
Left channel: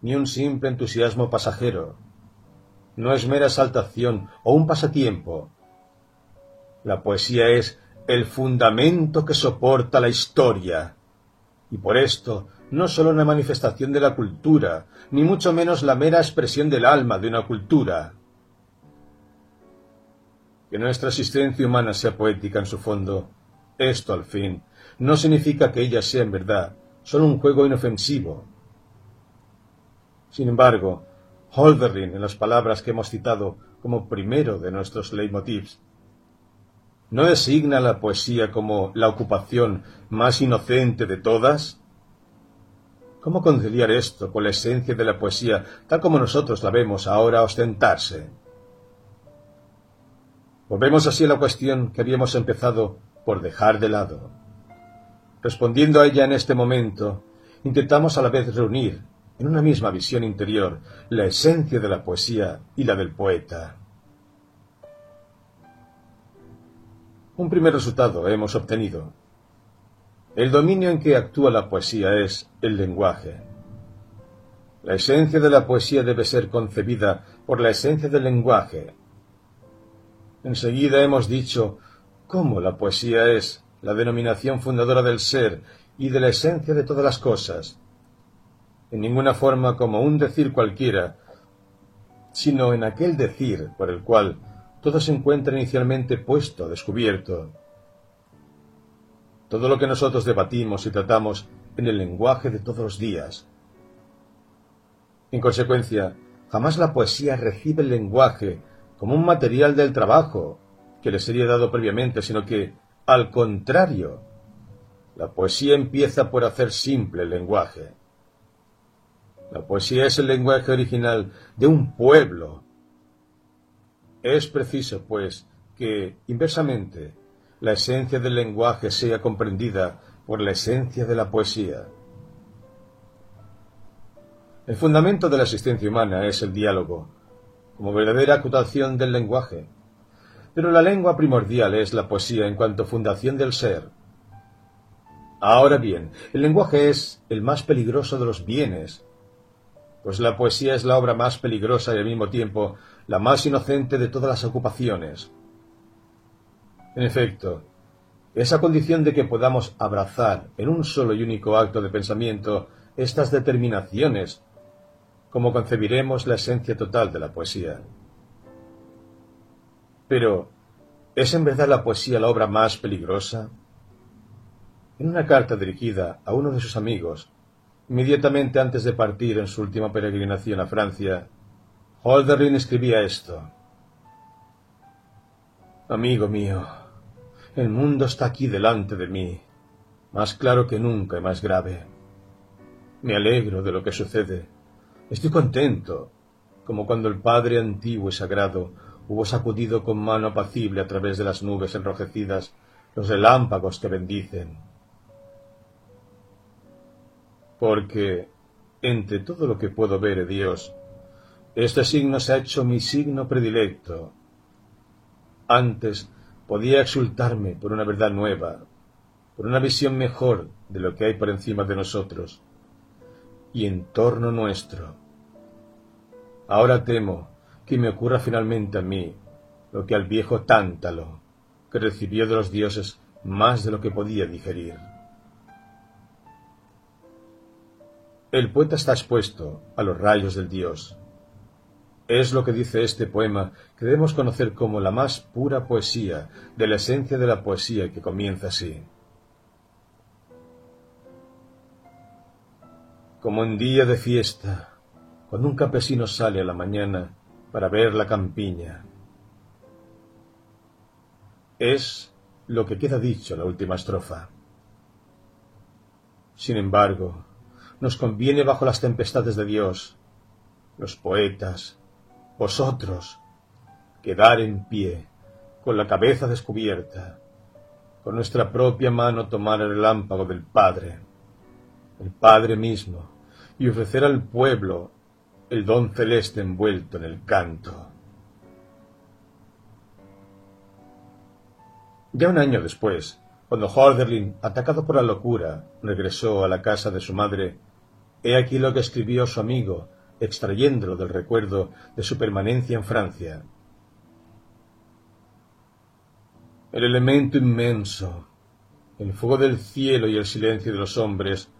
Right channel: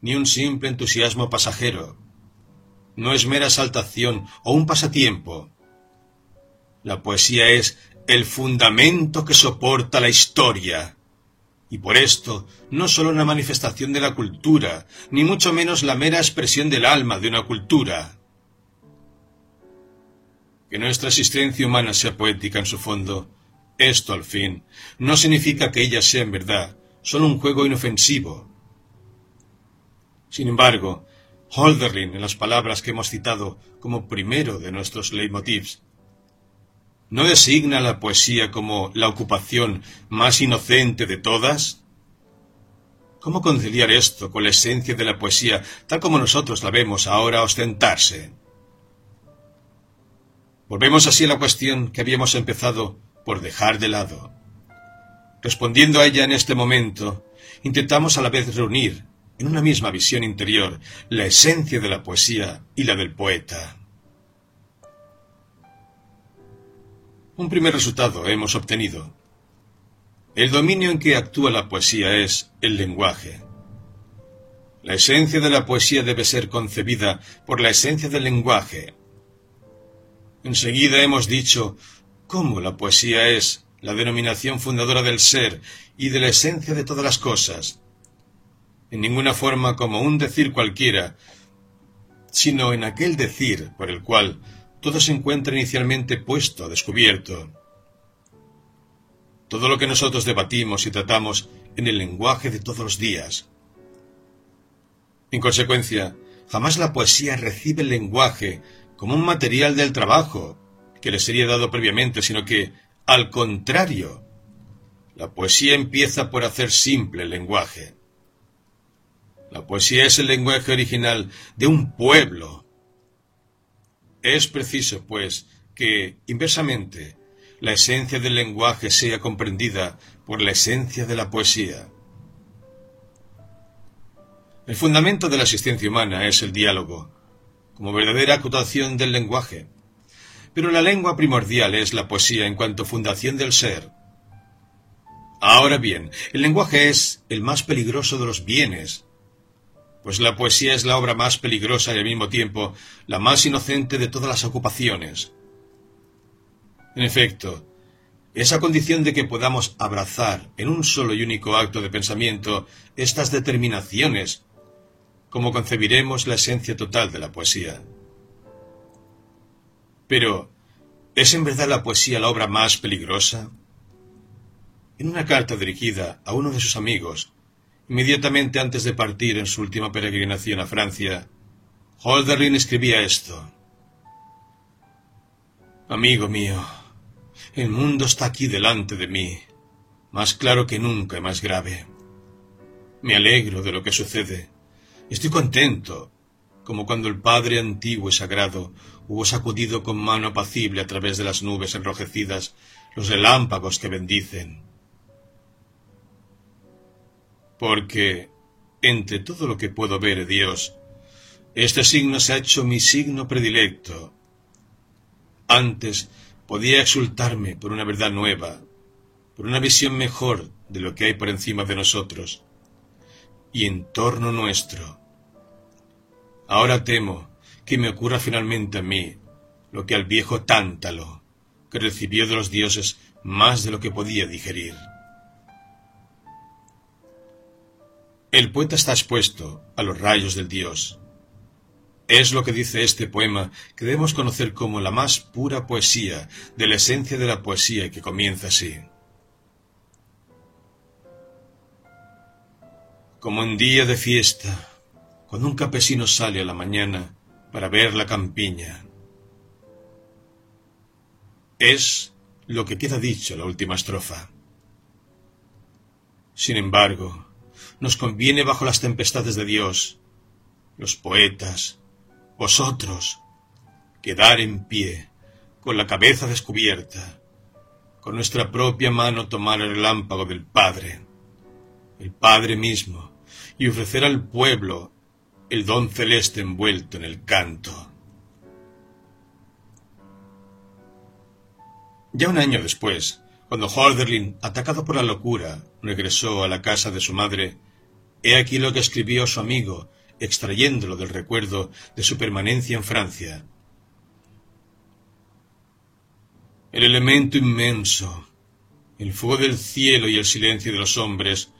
ni un simple entusiasmo pasajero. No es mera exaltación o un pasatiempo. La poesía es el fundamento que soporta la historia, y por esto no sólo una manifestación de la cultura, ni mucho menos la mera expresión del alma de una cultura. Que nuestra existencia humana sea poética en su fondo, esto, al fin, no significa que ella sea en verdad solo un juego inofensivo. Sin embargo, Hölderlin, en las palabras que hemos citado como primero de nuestros leitmotivs, ¿no designa la poesía como la ocupación más inocente de todas? ¿Cómo conciliar esto con la esencia de la poesía tal como nosotros la vemos ahora ostentarse? Volvemos así a la cuestión que habíamos empezado por dejar de lado. Respondiendo a ella en este momento, intentamos a la vez reunir, en una misma visión interior, la esencia de la poesía y la del poeta. Un primer resultado hemos obtenido. El dominio en que actúa la poesía es el lenguaje. La esencia de la poesía debe ser concebida por la esencia del lenguaje. Enseguida hemos dicho cómo la poesía es la denominación fundadora del ser y de la esencia de todas las cosas. En ninguna forma como un decir cualquiera, sino en aquel decir por el cual todo se encuentra inicialmente puesto, descubierto. Todo lo que nosotros debatimos y tratamos en el lenguaje de todos los días. En consecuencia, jamás la poesía recibe el lenguaje como un material del trabajo que le sería dado previamente, sino que, al contrario, la poesía empieza por hacer simple el lenguaje. La poesía es el lenguaje original de un pueblo. Es preciso, pues, que, inversamente, la esencia del lenguaje sea comprendida por la esencia de la poesía. El fundamento de la existencia humana es el diálogo, como verdadera acotación del lenguaje. Pero la lengua primordial es la poesía en cuanto fundación del ser. Ahora bien, el lenguaje es el más peligroso de los bienes, pues la poesía es la obra más peligrosa y al mismo tiempo la más inocente de todas las ocupaciones. En efecto, esa condición de que podamos abrazar en un solo y único acto de pensamiento estas determinaciones, como concebiremos la esencia total de la poesía. Pero, ¿es en verdad la poesía la obra más peligrosa? En una carta dirigida a uno de sus amigos, inmediatamente antes de partir en su última peregrinación a Francia, Hölderlin escribía esto: Amigo mío, el mundo está aquí delante de mí, más claro que nunca y más grave. Me alegro de lo que sucede. Estoy contento, como cuando el Padre antiguo y sagrado hubo sacudido con mano apacible a través de las nubes enrojecidas los relámpagos que bendicen. Porque, entre todo lo que puedo ver de Dios, este signo se ha hecho mi signo predilecto. Antes podía exultarme por una verdad nueva, por una visión mejor de lo que hay por encima de nosotros y en torno nuestro. Ahora temo que me ocurra finalmente a mí lo que al viejo Tántalo, que recibió de los dioses más de lo que podía digerir. El poeta está expuesto a los rayos del dios. Es lo que dice este poema que debemos conocer como la más pura poesía de la esencia de la poesía y que comienza así. Como un día de fiesta, cuando un campesino sale a la mañana para ver la campiña. Es lo que queda dicho en la última estrofa. Sin embargo, nos conviene bajo las tempestades de Dios, los poetas, vosotros, quedar en pie, con la cabeza descubierta, con nuestra propia mano tomar el relámpago del Padre, el Padre mismo, y ofrecer al pueblo el don celeste envuelto en el canto. Ya un año después, cuando Hölderlin, atacado por la locura, regresó a la casa de su madre, he aquí lo que escribió su amigo, extrayéndolo del recuerdo de su permanencia en Francia. El elemento inmenso, el fuego del cielo y el silencio de los hombres,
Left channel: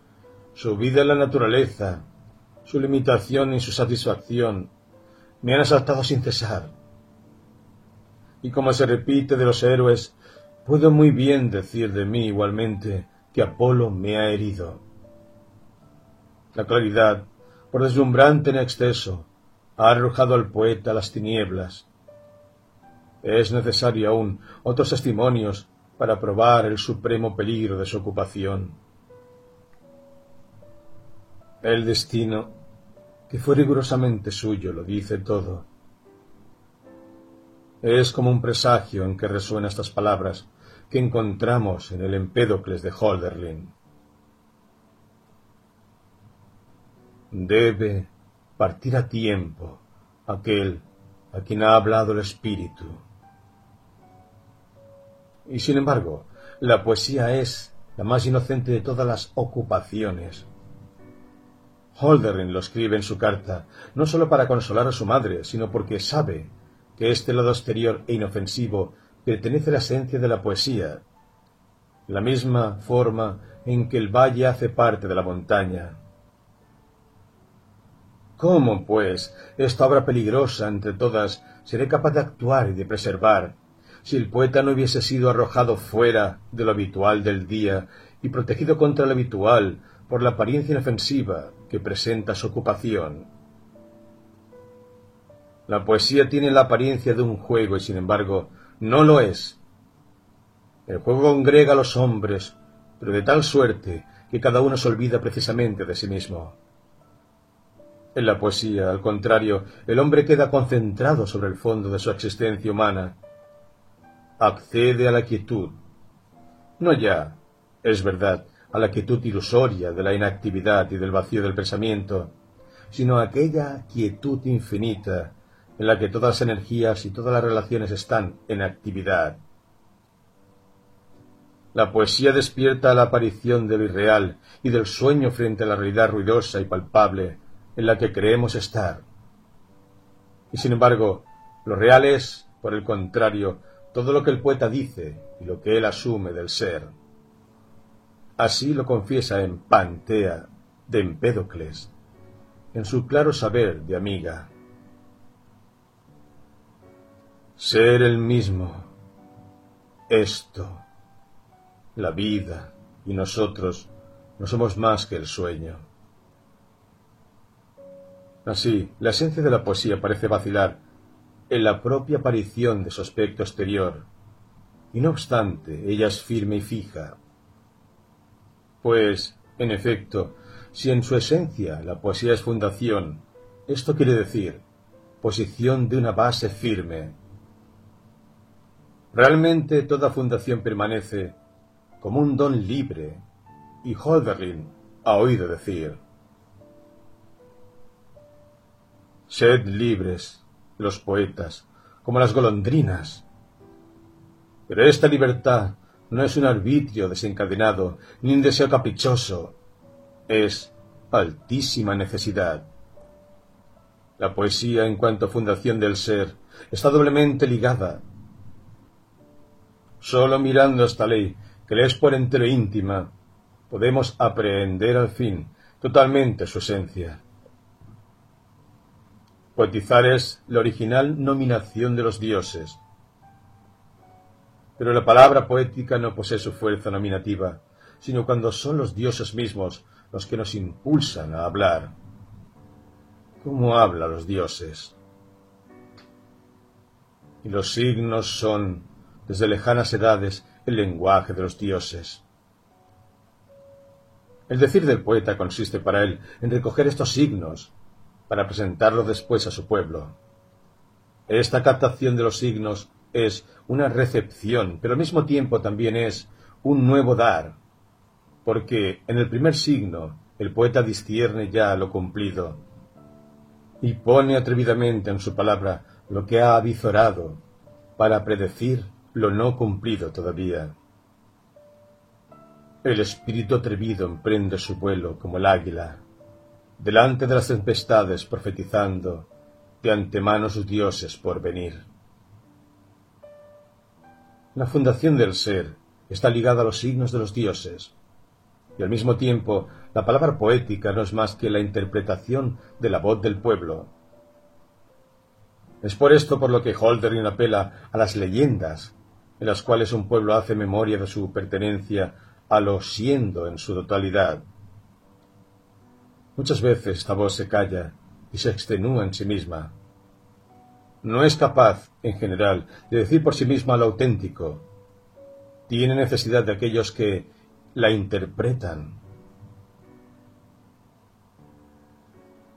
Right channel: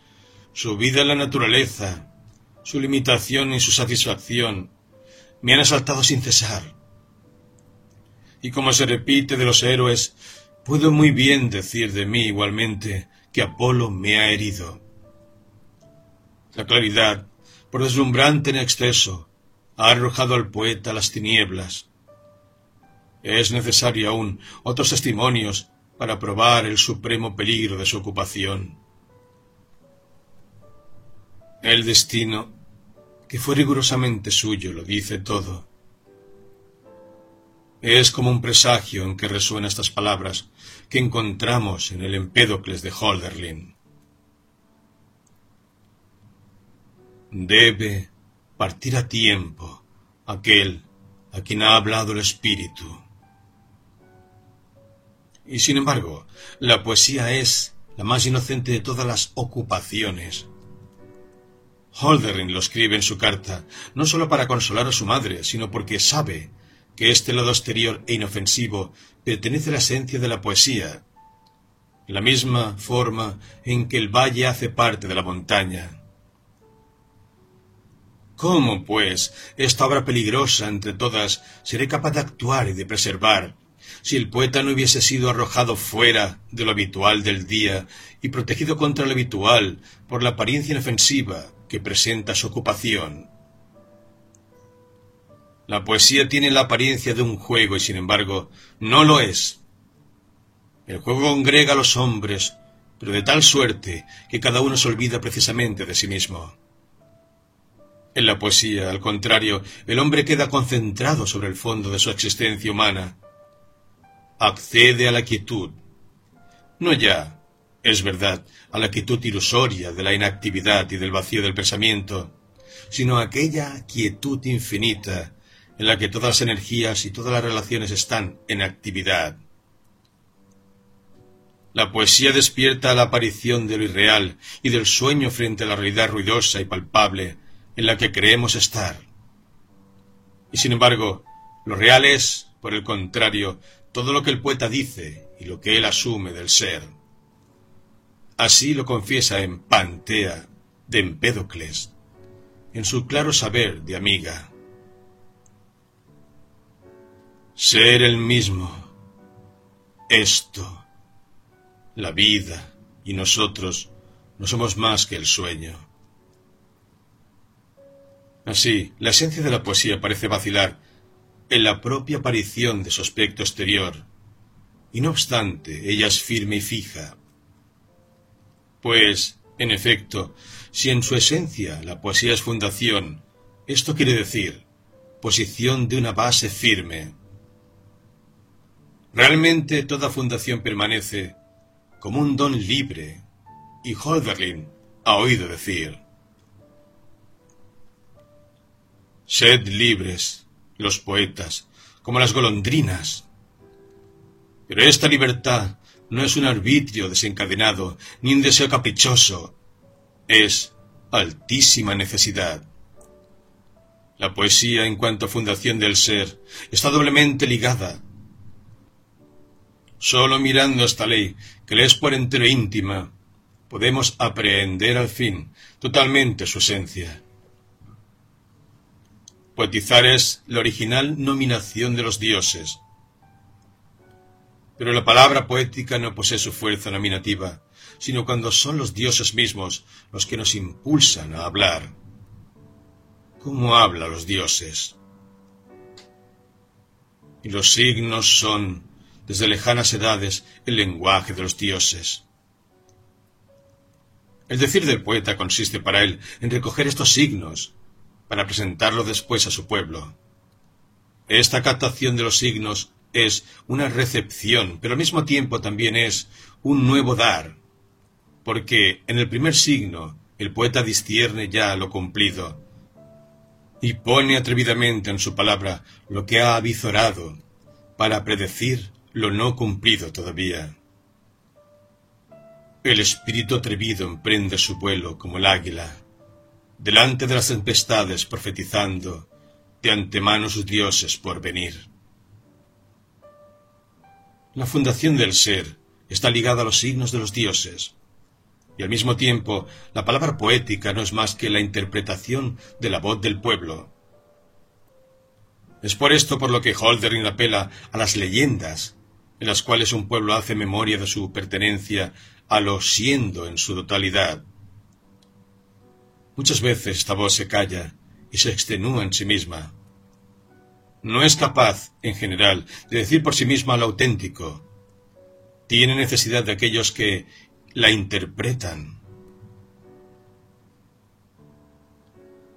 su vida en la naturaleza, su limitación y su satisfacción, me han asaltado sin cesar. Y como se repite de los héroes, puedo muy bien decir de mí igualmente que Apolo me ha herido. La claridad, por deslumbrante en exceso, ha arrojado al poeta a las tinieblas. Es necesario aún otros testimonios para probar el supremo peligro de su ocupación. El destino, que fue rigurosamente suyo, lo dice todo. Es como un presagio en que resuenan estas palabras que encontramos en el Empédocles de Hölderlin. Debe partir a tiempo aquel a quien ha hablado el espíritu. Y sin embargo, la poesía es la más inocente de todas las ocupaciones. Hölderlin lo escribe en su carta, no sólo para consolar a su madre, sino porque sabe que este lado exterior e inofensivo pertenece a la esencia de la poesía, la misma forma en que el valle hace parte de la montaña. ¿Cómo, pues, esta obra peligrosa entre todas seré capaz de actuar y de preservar, si el poeta no hubiese sido arrojado fuera de lo habitual del día y protegido contra lo habitual por la apariencia inofensiva que presenta su ocupación? La poesía tiene la apariencia de un juego y, sin embargo, no lo es. El juego congrega a los hombres, pero de tal suerte que cada uno se olvida precisamente de sí mismo. En la poesía, al contrario, el hombre queda concentrado sobre el fondo de su existencia humana. Accede a la quietud. No ya, es verdad, a la quietud ilusoria de la inactividad y del vacío del pensamiento, sino a aquella quietud infinita en la que todas las energías y todas las relaciones están en actividad. La poesía despierta a la aparición de lo irreal y del sueño frente a la realidad ruidosa y palpable en la que creemos estar. Y sin embargo, lo real es, por el contrario, todo lo que el poeta dice y lo que él asume del ser. Así lo confiesa en Pantea de Empédocles, en su claro saber de Amiga. Ser el mismo, esto, la vida y nosotros no somos más que el sueño. Así, la esencia de la poesía parece vacilar en la propia aparición de su aspecto exterior, y no obstante, ella es firme y fija. Pues, en efecto, si en su esencia la poesía es fundación, esto quiere decir posición de una base firme. Realmente toda fundación permanece como un don libre, y Hölderlin ha oído decir: sed libres, los poetas, como las golondrinas. Pero esta libertad no es un arbitrio desencadenado, ni un deseo caprichoso. Es altísima necesidad. La poesía, en cuanto a fundación del ser, está doblemente ligada. Solo mirando esta ley, que le es por entero íntima, podemos aprehender al fin totalmente su esencia. Poetizar es la original nominación de los dioses. Pero la palabra poética no posee su fuerza nominativa, sino cuando son los dioses mismos los que nos impulsan a hablar. ¿Cómo hablan los dioses? Y los signos son, desde lejanas edades, el lenguaje de los dioses. El decir del poeta consiste para él en recoger estos signos, para presentarlos después a su pueblo. Esta captación de los signos es una recepción, pero al mismo tiempo también es un nuevo dar, porque en el primer signo el poeta discierne ya lo cumplido y pone atrevidamente en su palabra lo que ha avizorado para predecir lo no cumplido todavía. El espíritu atrevido emprende su vuelo como el águila, delante de las tempestades profetizando de antemano sus dioses por venir. La fundación del ser está ligada a los signos de los dioses, y al mismo tiempo la palabra poética no es más que la interpretación de la voz del pueblo. Es por esto por lo que Hölderlin apela a las leyendas, en las cuales un pueblo hace memoria de su pertenencia a lo siendo en su totalidad. Muchas veces esta voz se calla y se extenúa en sí misma. No es capaz, en general, de decir por sí misma lo auténtico. Tiene necesidad de aquellos que la interpretan.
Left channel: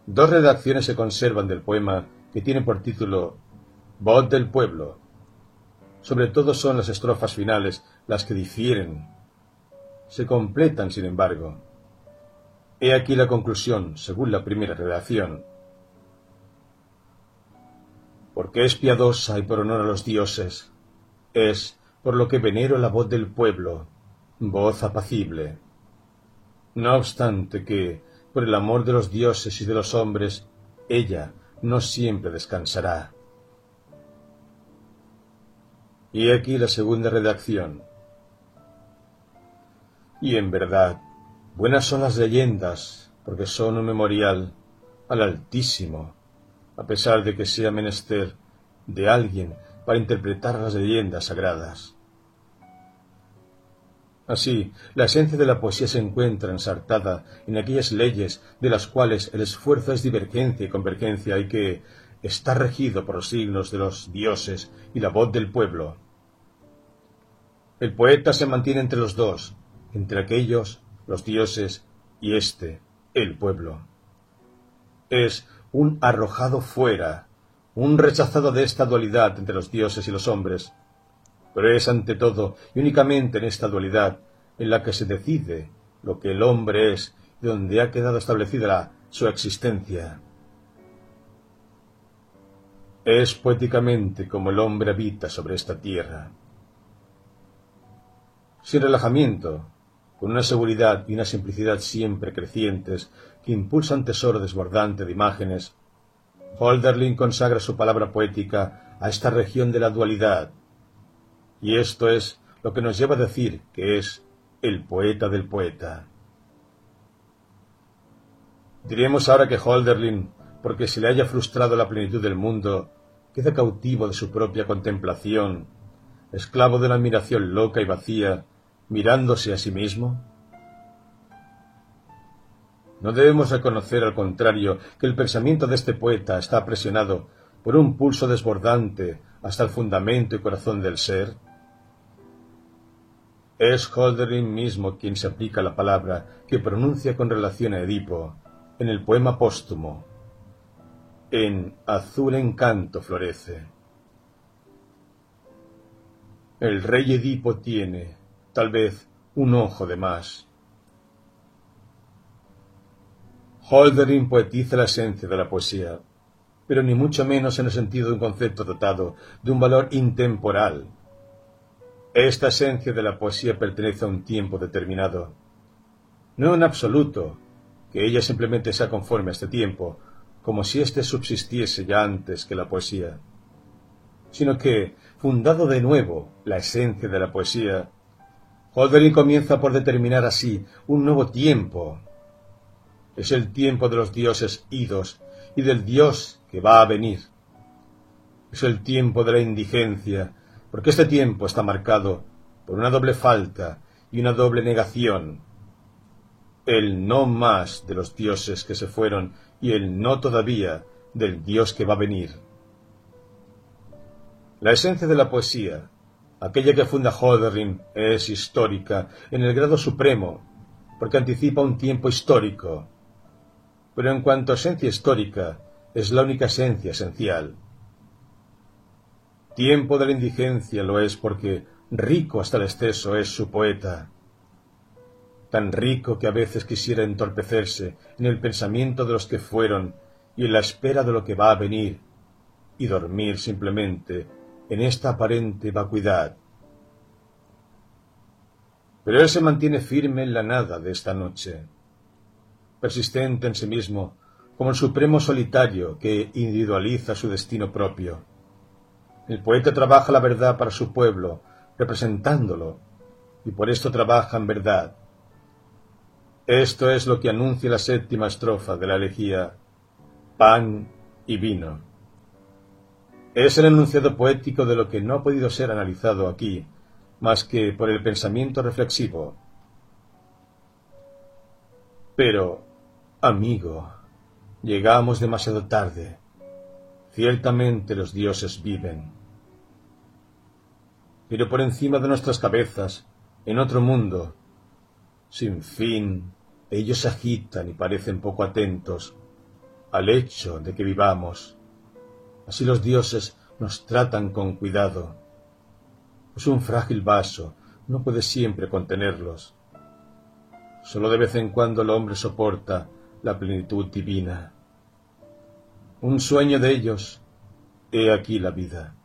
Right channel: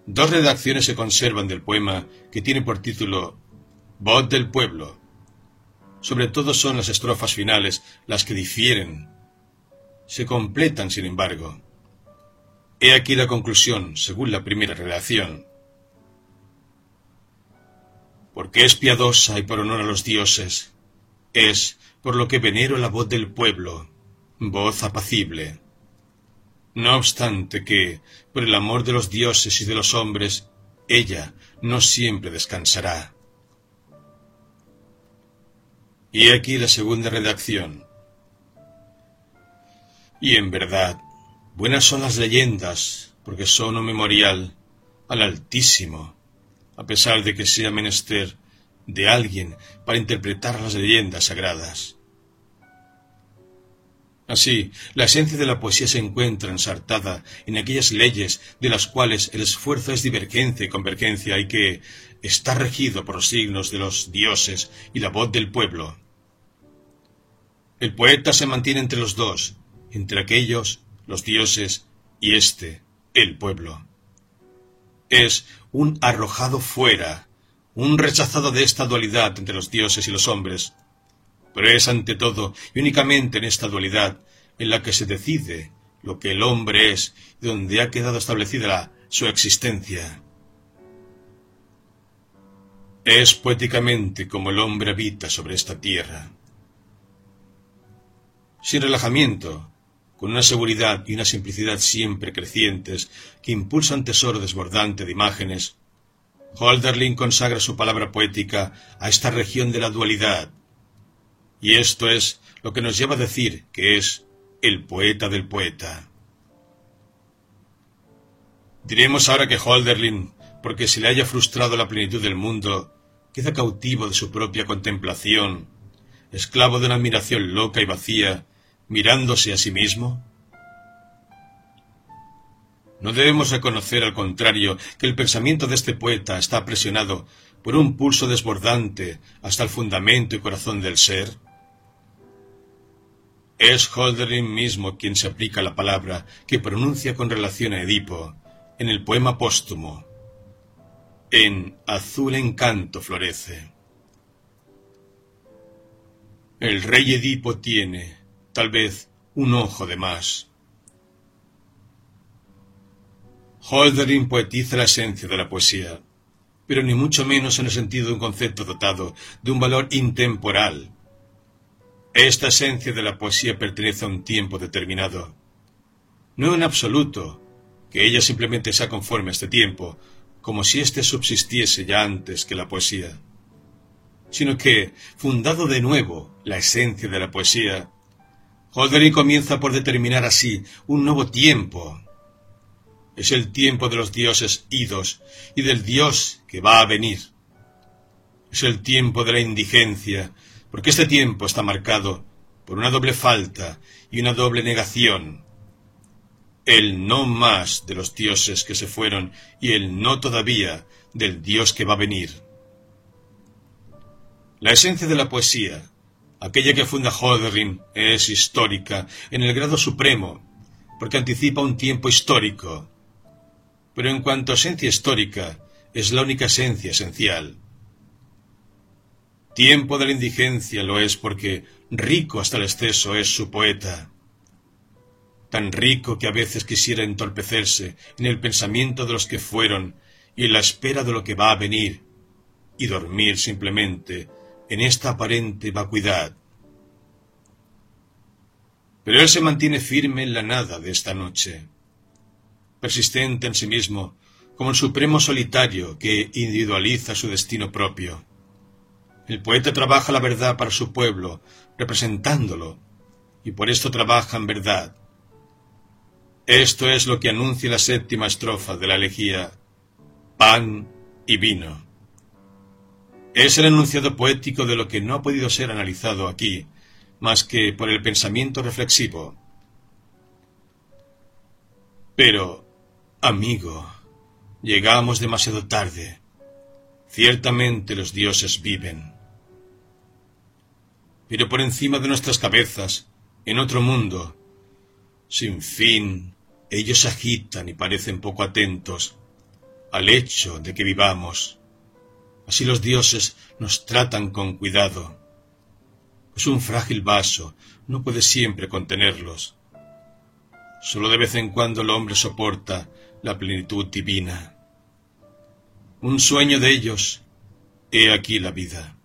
Dos redacciones se conservan del poema que tiene por título Voz del pueblo. Sobre todo son las estrofas finales las que difieren. Se completan, sin embargo. He aquí la conclusión, según la primera redacción. Porque es piadosa y por honor a los dioses, es por lo que venero la voz del pueblo, voz apacible. No obstante que, por el amor de los dioses y de los hombres, ella no siempre descansará. Y aquí la segunda redacción. Y en verdad, buenas son las leyendas, porque son un memorial al Altísimo, a pesar de que sea menester de alguien para interpretar las leyendas sagradas. Así, la esencia de la poesía se encuentra ensartada en aquellas leyes de las cuales el esfuerzo es divergencia y convergencia y que está regido por los signos de los dioses y la voz del pueblo. El poeta se mantiene entre los dos, entre aquellos, los dioses, y el pueblo. Es un arrojado fuera, un rechazado de esta dualidad entre los dioses y los hombres, pero es ante todo y únicamente en esta dualidad en la que se decide lo que el hombre es y donde ha quedado establecida su existencia. Es poéticamente como el hombre habita sobre esta tierra. Sin relajamiento, con una seguridad y una simplicidad siempre crecientes que impulsa un tesoro desbordante de imágenes, Hölderlin consagra su palabra poética a esta región de la dualidad, y esto es lo que nos lleva a decir que es el poeta del poeta. Diremos ahora que Hölderlin, porque se le haya frustrado la plenitud del mundo, queda cautivo de su propia contemplación, esclavo de una admiración loca y vacía, mirándose a sí mismo. ¿No debemos reconocer, al contrario, que el pensamiento de este poeta está presionado por un pulso desbordante hasta el fundamento y corazón del ser? Es Hölderlin mismo quien se aplica la palabra que pronuncia con relación a Edipo en el poema póstumo. En azul encanto florece. El rey Edipo tiene, tal vez, un ojo de más. Hölderlin poetiza la esencia de la poesía, pero ni mucho menos en el sentido de un concepto dotado de un valor intemporal. Esta esencia de la poesía pertenece a un tiempo determinado. No en absoluto, que ella simplemente sea conforme a este tiempo, como si éste subsistiese ya antes que la poesía, sino que, fundado de nuevo la esencia de la poesía, Hölderlin comienza por determinar así un nuevo tiempo. Es el tiempo de los dioses idos y del dios que va a venir. Es el tiempo de la indigencia, porque este tiempo está marcado por una doble falta y una doble negación. El no más de los dioses que se fueron y el no todavía del dios que va a venir. La esencia de la poesía, aquella que funda Hölderlin, es histórica en el grado supremo, porque anticipa un tiempo histórico. Pero en cuanto a esencia histórica, es la única esencia esencial. Tiempo de la indigencia lo es porque rico hasta el exceso es su poeta. Tan rico que a veces quisiera entorpecerse en el pensamiento de los que fueron y en la espera de lo que va a venir, y dormir simplemente en esta aparente vacuidad. Pero él se mantiene firme en la nada de esta noche, persistente en sí mismo, como el supremo solitario que individualiza su destino propio. El poeta trabaja la verdad para su pueblo, representándolo, y por esto trabaja en verdad. Esto es lo que anuncia la séptima estrofa de la elegía Pan y vino. Es el enunciado poético de lo que no ha podido ser analizado aquí, más que por el pensamiento reflexivo. Pero, amigo, llegamos demasiado tarde. Ciertamente los dioses viven. Pero por encima de nuestras cabezas, en otro mundo, sin fin, ellos se agitan y parecen poco atentos al hecho de que vivamos. Así los dioses nos tratan con cuidado. Es un frágil vaso, no puede siempre contenerlos. Solo de vez en cuando el hombre soporta la plenitud divina. Un sueño de ellos, he aquí la vida.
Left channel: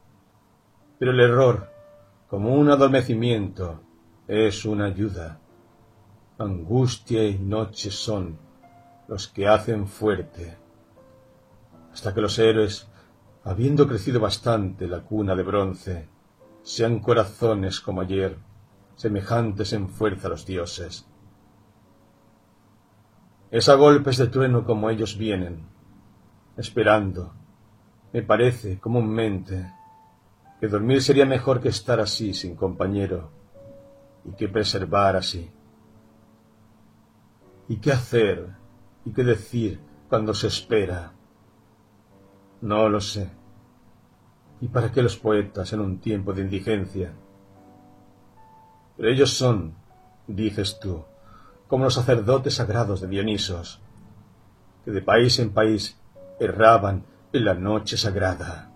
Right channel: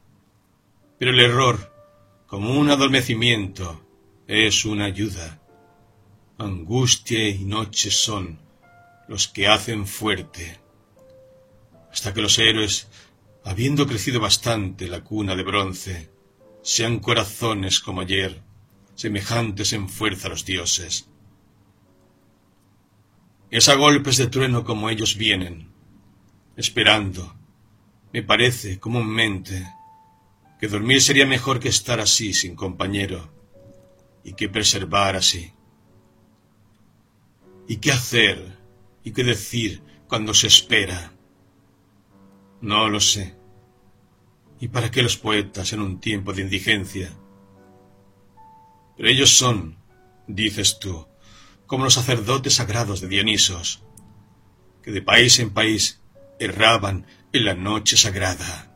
Pero el error, como un adormecimiento, es una ayuda. Angustia y noche son los que hacen fuerte, hasta que los héroes, habiendo crecido bastante la cuna de bronce, sean corazones como ayer, semejantes en fuerza a los dioses. Es a golpes de trueno como ellos vienen, esperando, me parece comúnmente, que dormir sería mejor que estar así sin compañero, y que preservar así. ¿Y qué hacer y qué decir cuando se espera? No lo sé. ¿Y para qué los poetas en un tiempo de indigencia? Pero ellos son, dices tú, como los sacerdotes sagrados de Dionisos, que de país en país erraban en la noche sagrada.